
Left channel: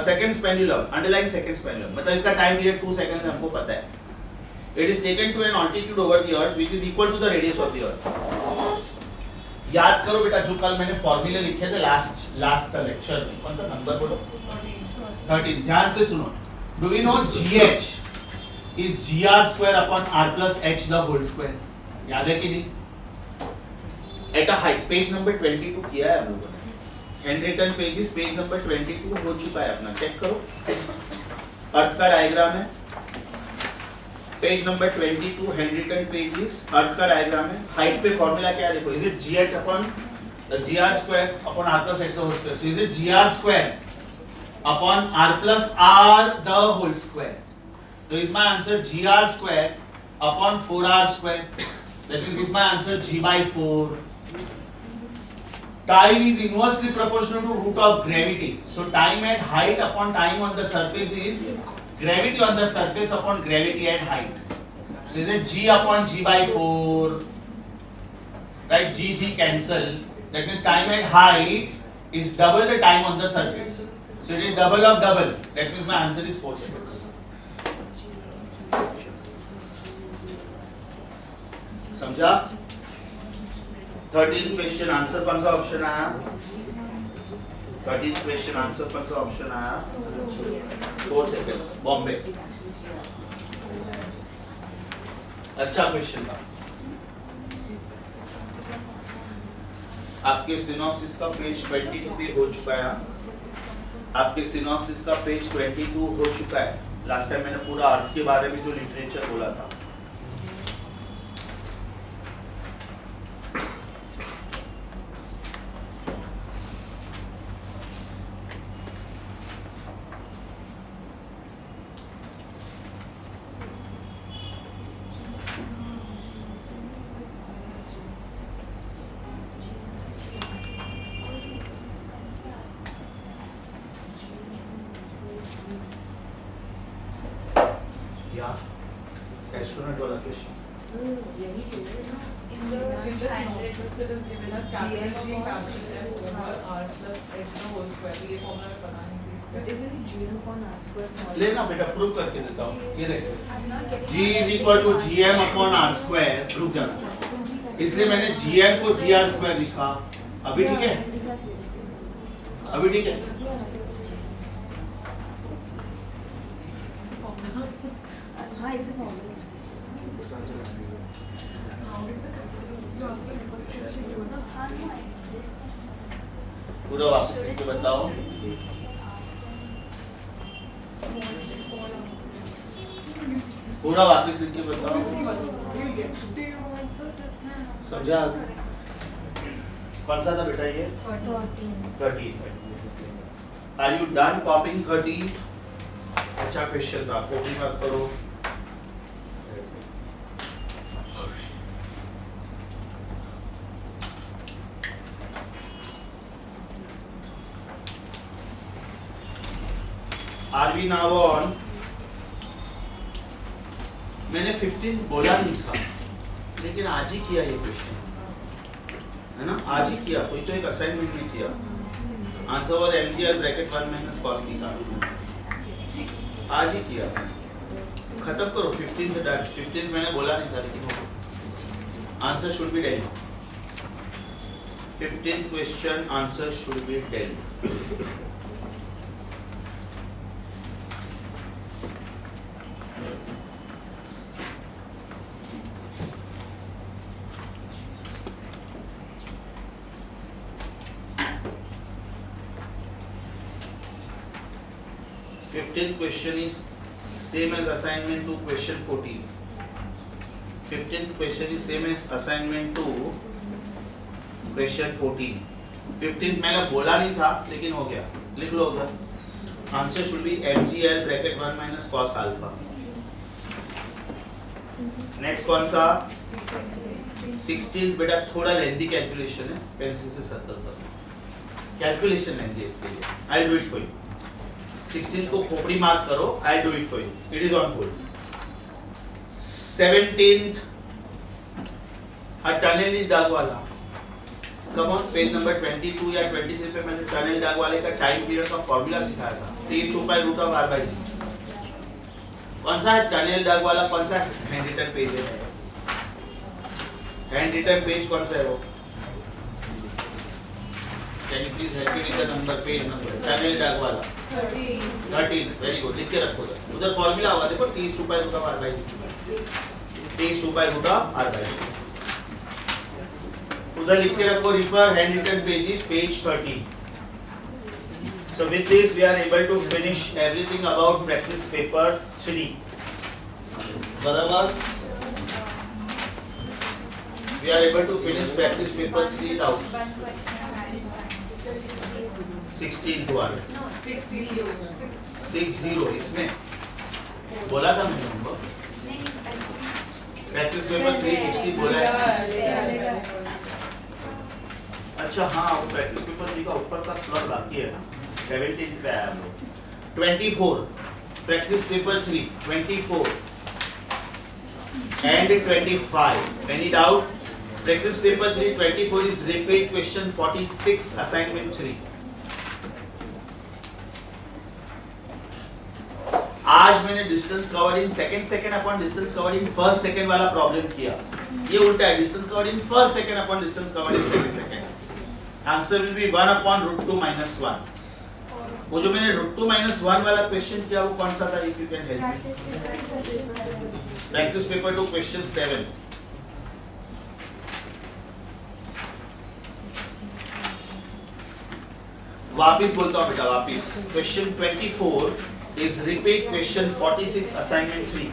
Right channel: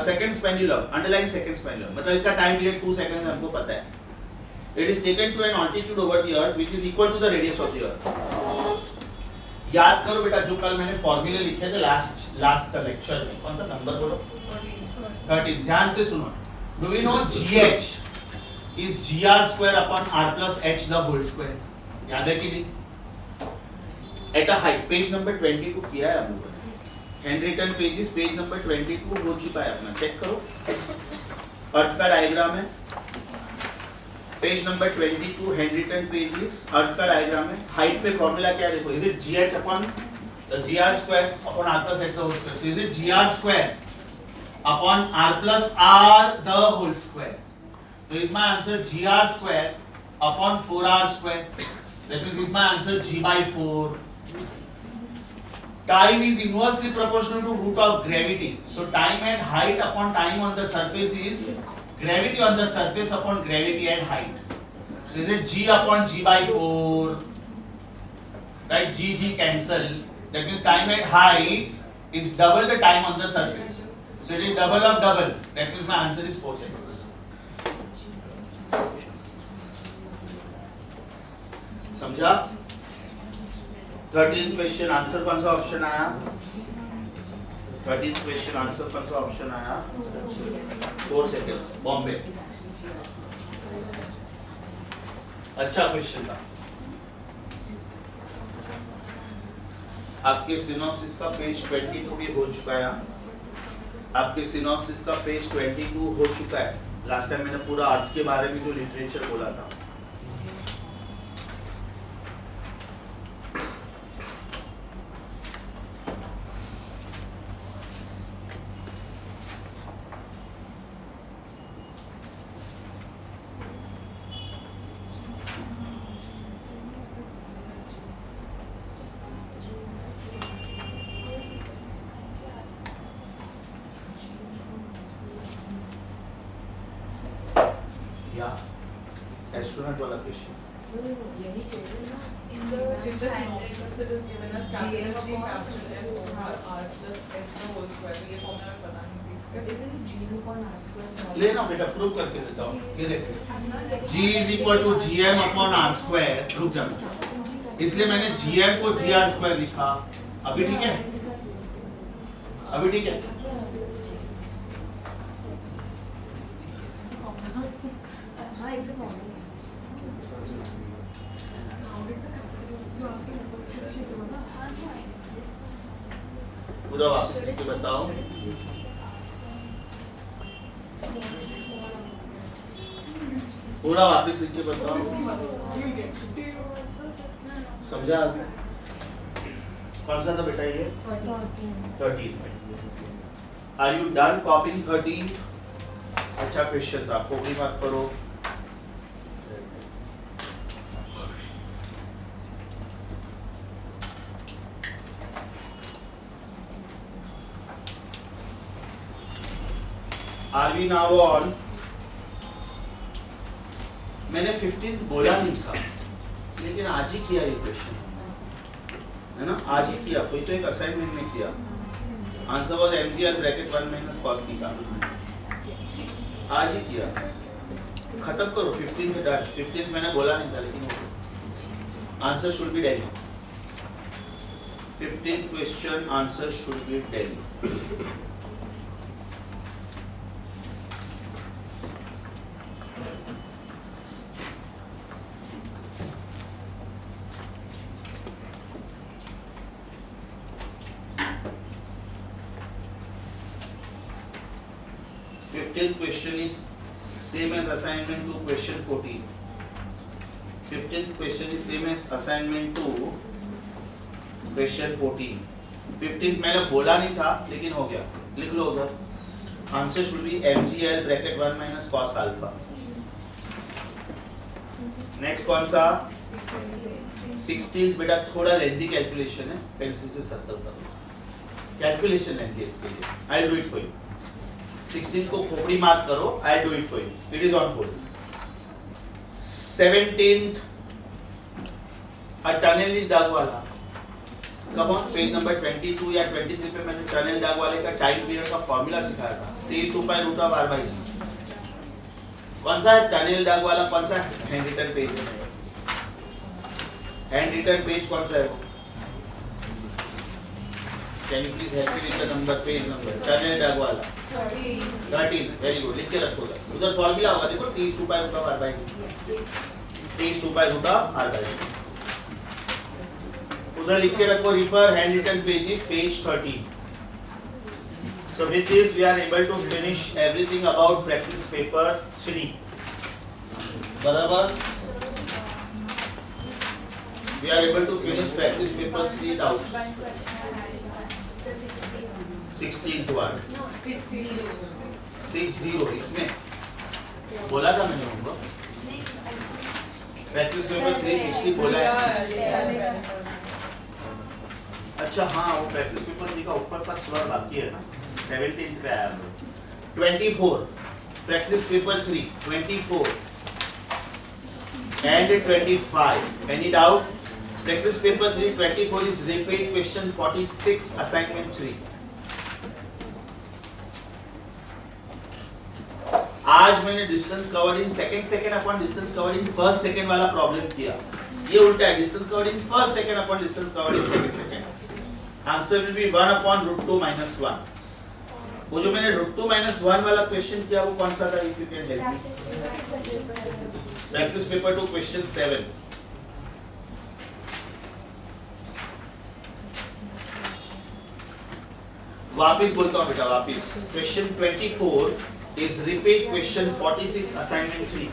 Second pendulum, underline second pendulum, मतलब इसका टाइम पीरियड 2 सेकंड हमको पता है। It is taken to an altitude over the earth which is equal to the radius of the earth. याद करो बेटा जो कल मैंने फॉर्मूले लिखे थे लास्ट लेक्चर में, कौन सा नंबर बोलो? 13। ध्यान से सुनो। Do we know GH is GR square upon R plus H the whole square? याद है कि नहीं? At a height, page number 22 किया है हम लोगों ने। हैंडरिटन पेजेस पेज नंबर 22 हो चुका है अपना, चेक करो। अर्थ का डायग्राम है, पेज नंबर 22 हैंडरिटन पेजेस, अर्थ का डायग्राम है। हाइट पे फॉर्मूला क्या है देखो, is it GH upon the GR square upon R plus H the whole square? So is it GR square upon R plus R the whole square? So is my answer GR square upon 4R square? That is my answer G by 4. Time is inversely proportional to root of gravity. So time at height upon time on the surface is gravity on the surface upon gravity at height. So is it G upon G by 4? Right, G cancel. That means time at height is double the time on the surface. So it is double of double. That means my answer is 4 seconds. समझा? 13th question answer कौन सा option आया? 13th question answer कौन सा option आया? 4 seconds, Bombay. अच्छा question था। आपके सिनॉप्सिस का पेज 22 भी हो चुका है। आपके सिनॉप्सिस का पेज 22 हो चुका है। लास्ट टाइम मैंने पूरा अर्थ के बारे में जो लिटरेचर बोला था। या एस्ट्रोनॉट वाला question In this notes it is given as capital G capital M over R plus H the whole square. ये फॉर्मूला पता नहीं। लेना बेटा, प्रूव करके देता हूँ। ये देख, G is equal to GM upon R square। रुक जा, इसलिए मैंने GM को GR square लिखा। अभी ठीक है? अभी ठीक है? हाँ, it's a problem. पूरा वापस लिख के बताओ। पूरा वापस लिख के बताओ। समझा? कौन सा था बेटा ये? 13। Are you done copying 13? अच्छा क्वेश्चन था, कॉपी मत करो। Are we now on? मैंने 15 बोला नहीं था, लेकिन आज ही किया ये क्वेश्चन, है ना? आज ही किया, कोई तो एक असाइनमेंट में किया। Answer was mgr bracket 1 minus cos theta. आज ही किया, खत्म करो। 15 डन। 15 मैंने बोला नहीं था, लेकिन answer should be then. 15th question answer should be then. Question is same as assignment to question 14. 15th question is same as assignment to question 14. 15th मैंने बोला नहीं था, लेकिन हो गया। लिख लो उधर। Answer should B mgl bracket 1 minus cos alpha. Next कौन सा? 16th बेटा थोड़ा लेंथी कैलकुलेशन है, पेंसिल से सर्कल करो। कैलकुलेशन लेंथी है इसके लिए। I will do it for you. 16 को खोपड़ी मार्क करो। I do it for you, it is on hold. 17th a tunnel is dug वाला। कम ऑन, पेज नंबर 22 या 23 पे मैंने टनल डग वाले का टाइम पीरियड का फॉर्मूला सिखाया था। 3 pi root of r by g। कौन सा है टनल डग वाला? कौन सा हैंड रिटन पेज है? हैंड रिटन पेज कौन सा है वो? Can you please help me with the number, page number tunnel dug वाला? 13। वेरी गुड, लिख के रखो उधर। फॉर्मूला होगा, देखो 3 pi root of r by g। 3 pi root of r by g उधर लिख के रखो। Refer hand written pages, page 13। So with this we are able to finish everything about practice paper 3. बराबर? We are able to finish practice paper 3 doubts. 16th one. 60 इसमें बोला था मैंने उनको। प्रैक्टिस पेपर 360 बोला है। अच्छा हाँ, वो प्रैक्टिस पेपर 3 का ऊपर का स्वर बाकी है ना, 17th पे आया हम लोग। 24 practice paper 3 24 and 25। Any doubt? Practice paper 3 24 is repeat question 46 assignment 3। आज मैंने distance covered in second upon distance covered in first second वाला प्रॉब्लम किया। ये उल्टा है, distance covered in first second upon distance covered in second. Answer will be 1 upon √2 - 1। वो जो मैंने √2 - 1 वाला क्वेश्चन किया वो कौन सा था? If you can help me. Practice paper 2 question 7। वापिस बोलता हूँ बेटा वापिस. Question 24 is repeat question 46 assignment 3.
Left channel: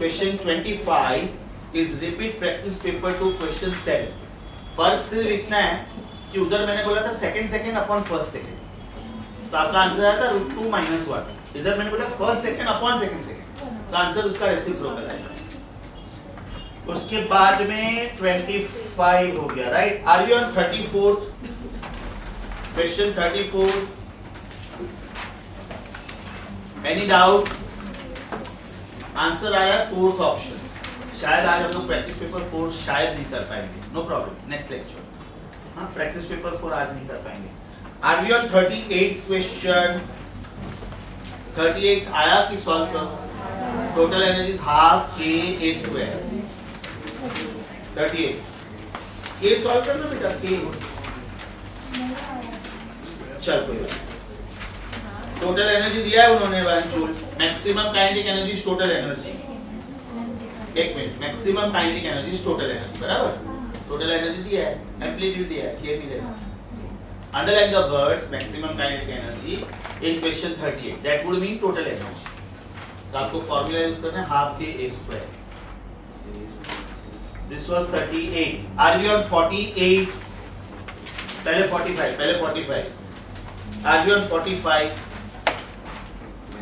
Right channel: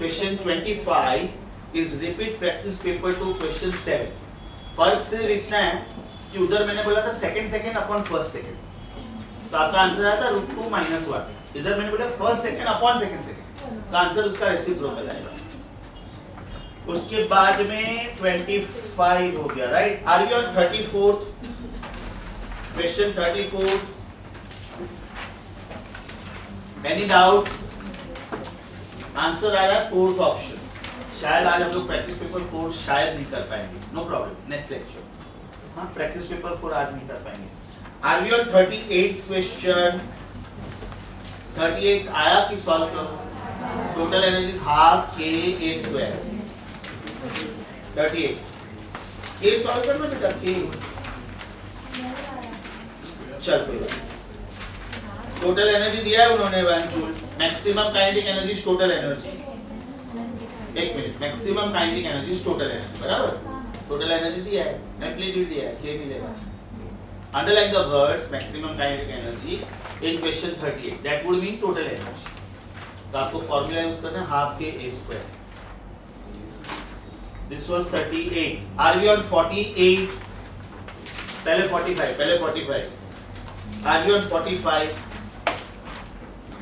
Question 25 is repeat practice paper 2 question 7. फर्क सिर्फ इतना है कि उधर मैंने बोला था सेकंड अपॉन फर्स्ट सेकंड, तो आपका आंसर आया था √2 - 1. इधर मैंने बोला फर्स्ट सेकंड अपॉन सेकंड, तो आंसर उसका रेसिप्रोकल आएगा. उसके बाद में 25 हो गया, right. Are we on 34th question 34. Any doubt? Answer आया फोर्थ ऑप्शन. शायद आज हम लोग प्रैक्टिस पेपर 4 शायद नहीं कर पाएंगे. No problem, next lecture. हाँ, प्रैक्टिस पेपर 4 आज नहीं कर पाएंगे. Are we on 38th question. 38 आया कि सॉल्व करो. Total energy is half k a square. 38 के सॉल्व करना बेटा. के चल कोई बात. टोटल एनर्जी दिया है उन्होंने 1 joule. Maximum kinetic energy is total energy. एक minute, maximum kinetic energy is total energy, बराबर. टोटल एनर्जी दिया है, एम्पलीट्यूड दिया है, के मिलेगा. Underline the words maximum kinetic energy in question 38. That would mean total energy. तो आपको formula use करना है half k a square. This was 38. Are we on 48? पहले 45. Are we on 45?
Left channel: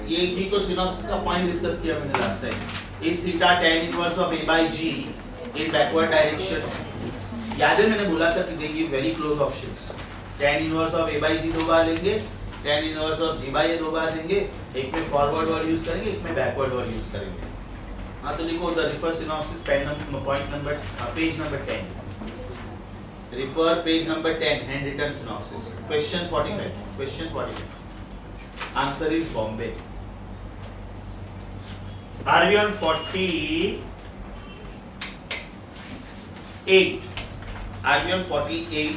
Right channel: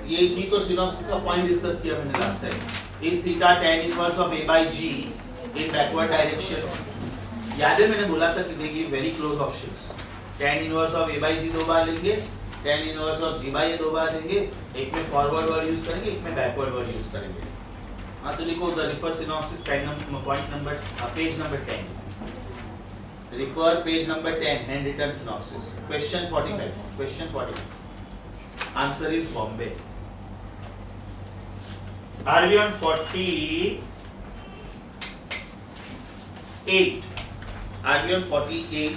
ये ही तो सिनॉप्सिस का पॉइंट डिस्कस किया मैंने last time. Is theta tan inverse of a by g in backward direction. याद है मैंने बोला था कि देखिए very close options. tan inverse of a by g 2 बार लेंगे, tan inverse of g by a 2 बार लेंगे. एक में फॉरवर्ड वर्ड यूज करेंगे, एक में बैकवर्ड वर्ड यूज करेंगे. हाँ, तो लिखो the refer synopsis point number page number 10. Refer page number 10, handwritten synopsis. Question 45. Answer is Bombay. Are we on 48? Are we on 48?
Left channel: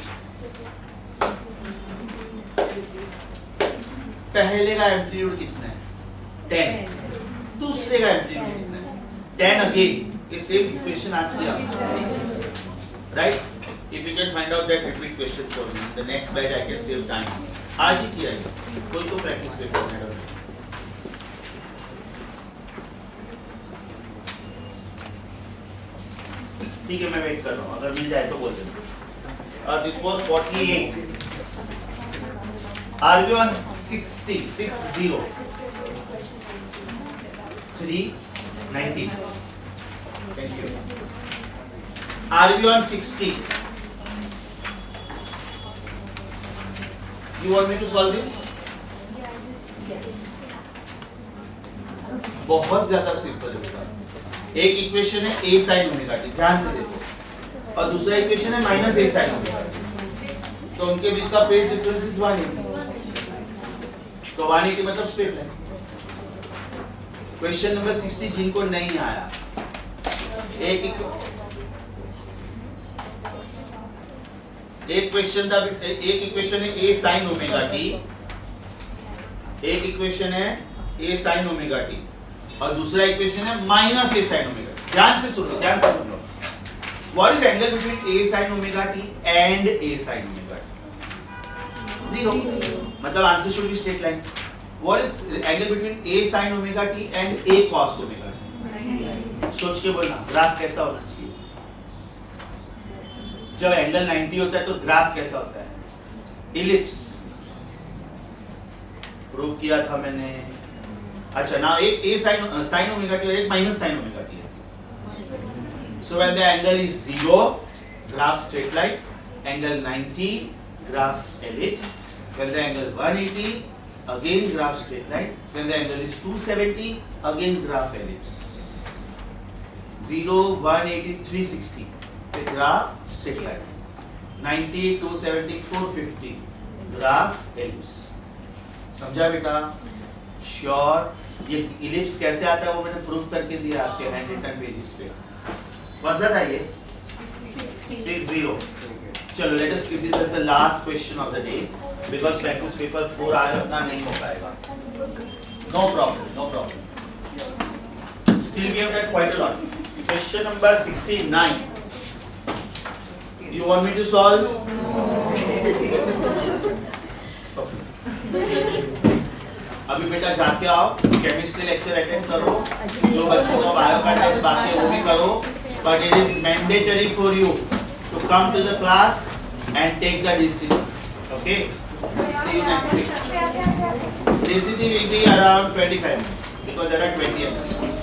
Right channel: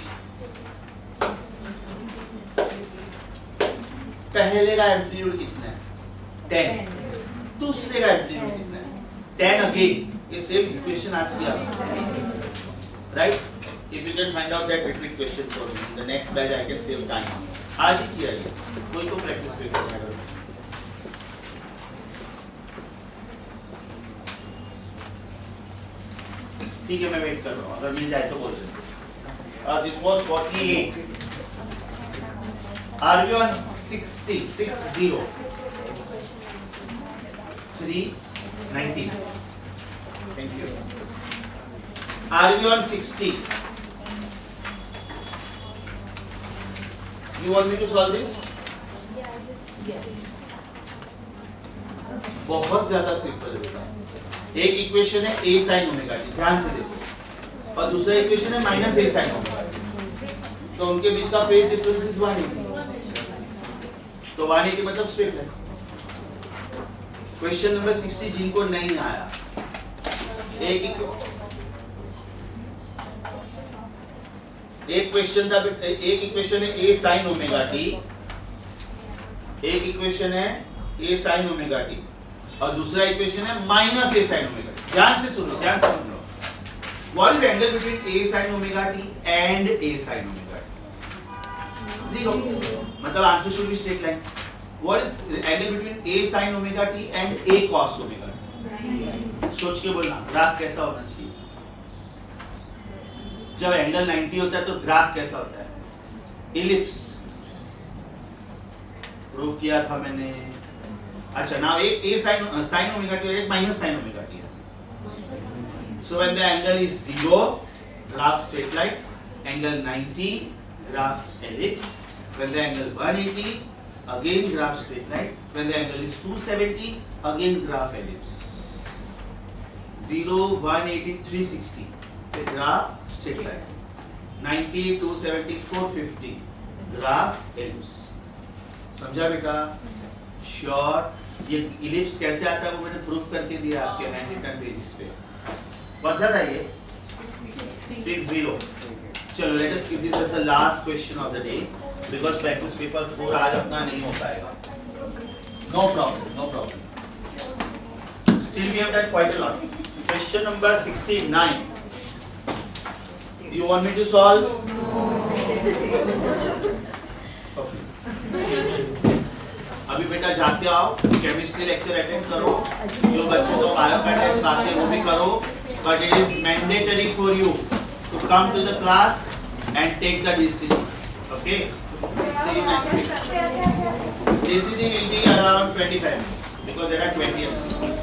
पहले का एम्पलीट्यूड कितना है? 10. दूसरे का एम्पलीट्यूड कितना है? 10 अगेन. ये सेम इक्वेशन आज किया, right? If you can find out that repeat question for me, the next batch I can save time. आज ही किया ये. कोई तो प्रैक्टिस पेपर है. ठीक है, मैं वेट कर रहा हूँ. अगर मिल जाए तो बोल देना. This was 48. Are we on 60? 60. 319. Thank you. Are we on 60? You want me to solve this? बहुत ज्यादा सिंपल है बेटा. एक इक्वेशन है a sin ओमेगा t, ध्यान से देखो, और दूसरा इक्वेशन है minus a sin omega t. तो उनके बीच का फेज डिफरेंस इज 180. तो 180 मतलब स्ट्रेट लाइन. क्वेश्चन नंबर 60 जिनको नहीं आया, एक क्वेश्चन था. एक इक्वेशन है a sin ओमेगा t, एक इक्वेशन है a sin ओमेगा t, और दूसरा इक्वेशन है minus a sin omega t. ध्यान से सुनो. What is angle between a sin omega t and a sin omega t? 0. मतलब answer should be straight line. What is angle between a sin omega t and a cos omega t? सोच के बोलना, graph कैसा होना चाहिए? जब angle 90 होता है तो ग्राफ कैसा होता है? इलिप्स. प्रूव किया था मैंने. अच्छा, नाउ एक a sin ओमेगा t और एक माइनस sin ओमेगा t है. So when the angle is 0, graph straight line. Angle 90, graph ellipse. When the angle 180, again graph straight line. When the angle is 270, again graph ellipse. 0, 180, 360. Graph straight line. 90, 270, 450, graph ellipse. समझा बेटा? Sure. ये ellipse कैसे आता है वो मैंने proof करके दिया आपके हैंड रिटन पेजेस पे. कौन सा था ये? 60. चलो let us keep this as the last question of the day, because practice paper 4 आज अपना नहीं हो पाएगा. नो प्रॉब्लम. Still we have done quite a lot. Question number 69. You want me to solve? अभी बेटा जाके आओ, केमिस्ट्री लेक्चर अटेंड करो, जो बच्चों को बायो का टेस्ट बाकी है वो भी करो, but it is mandatory for you to come to the class and take the decision. Okay? See you next week. Decision will be around 25 minutes because there are 20 MCQs.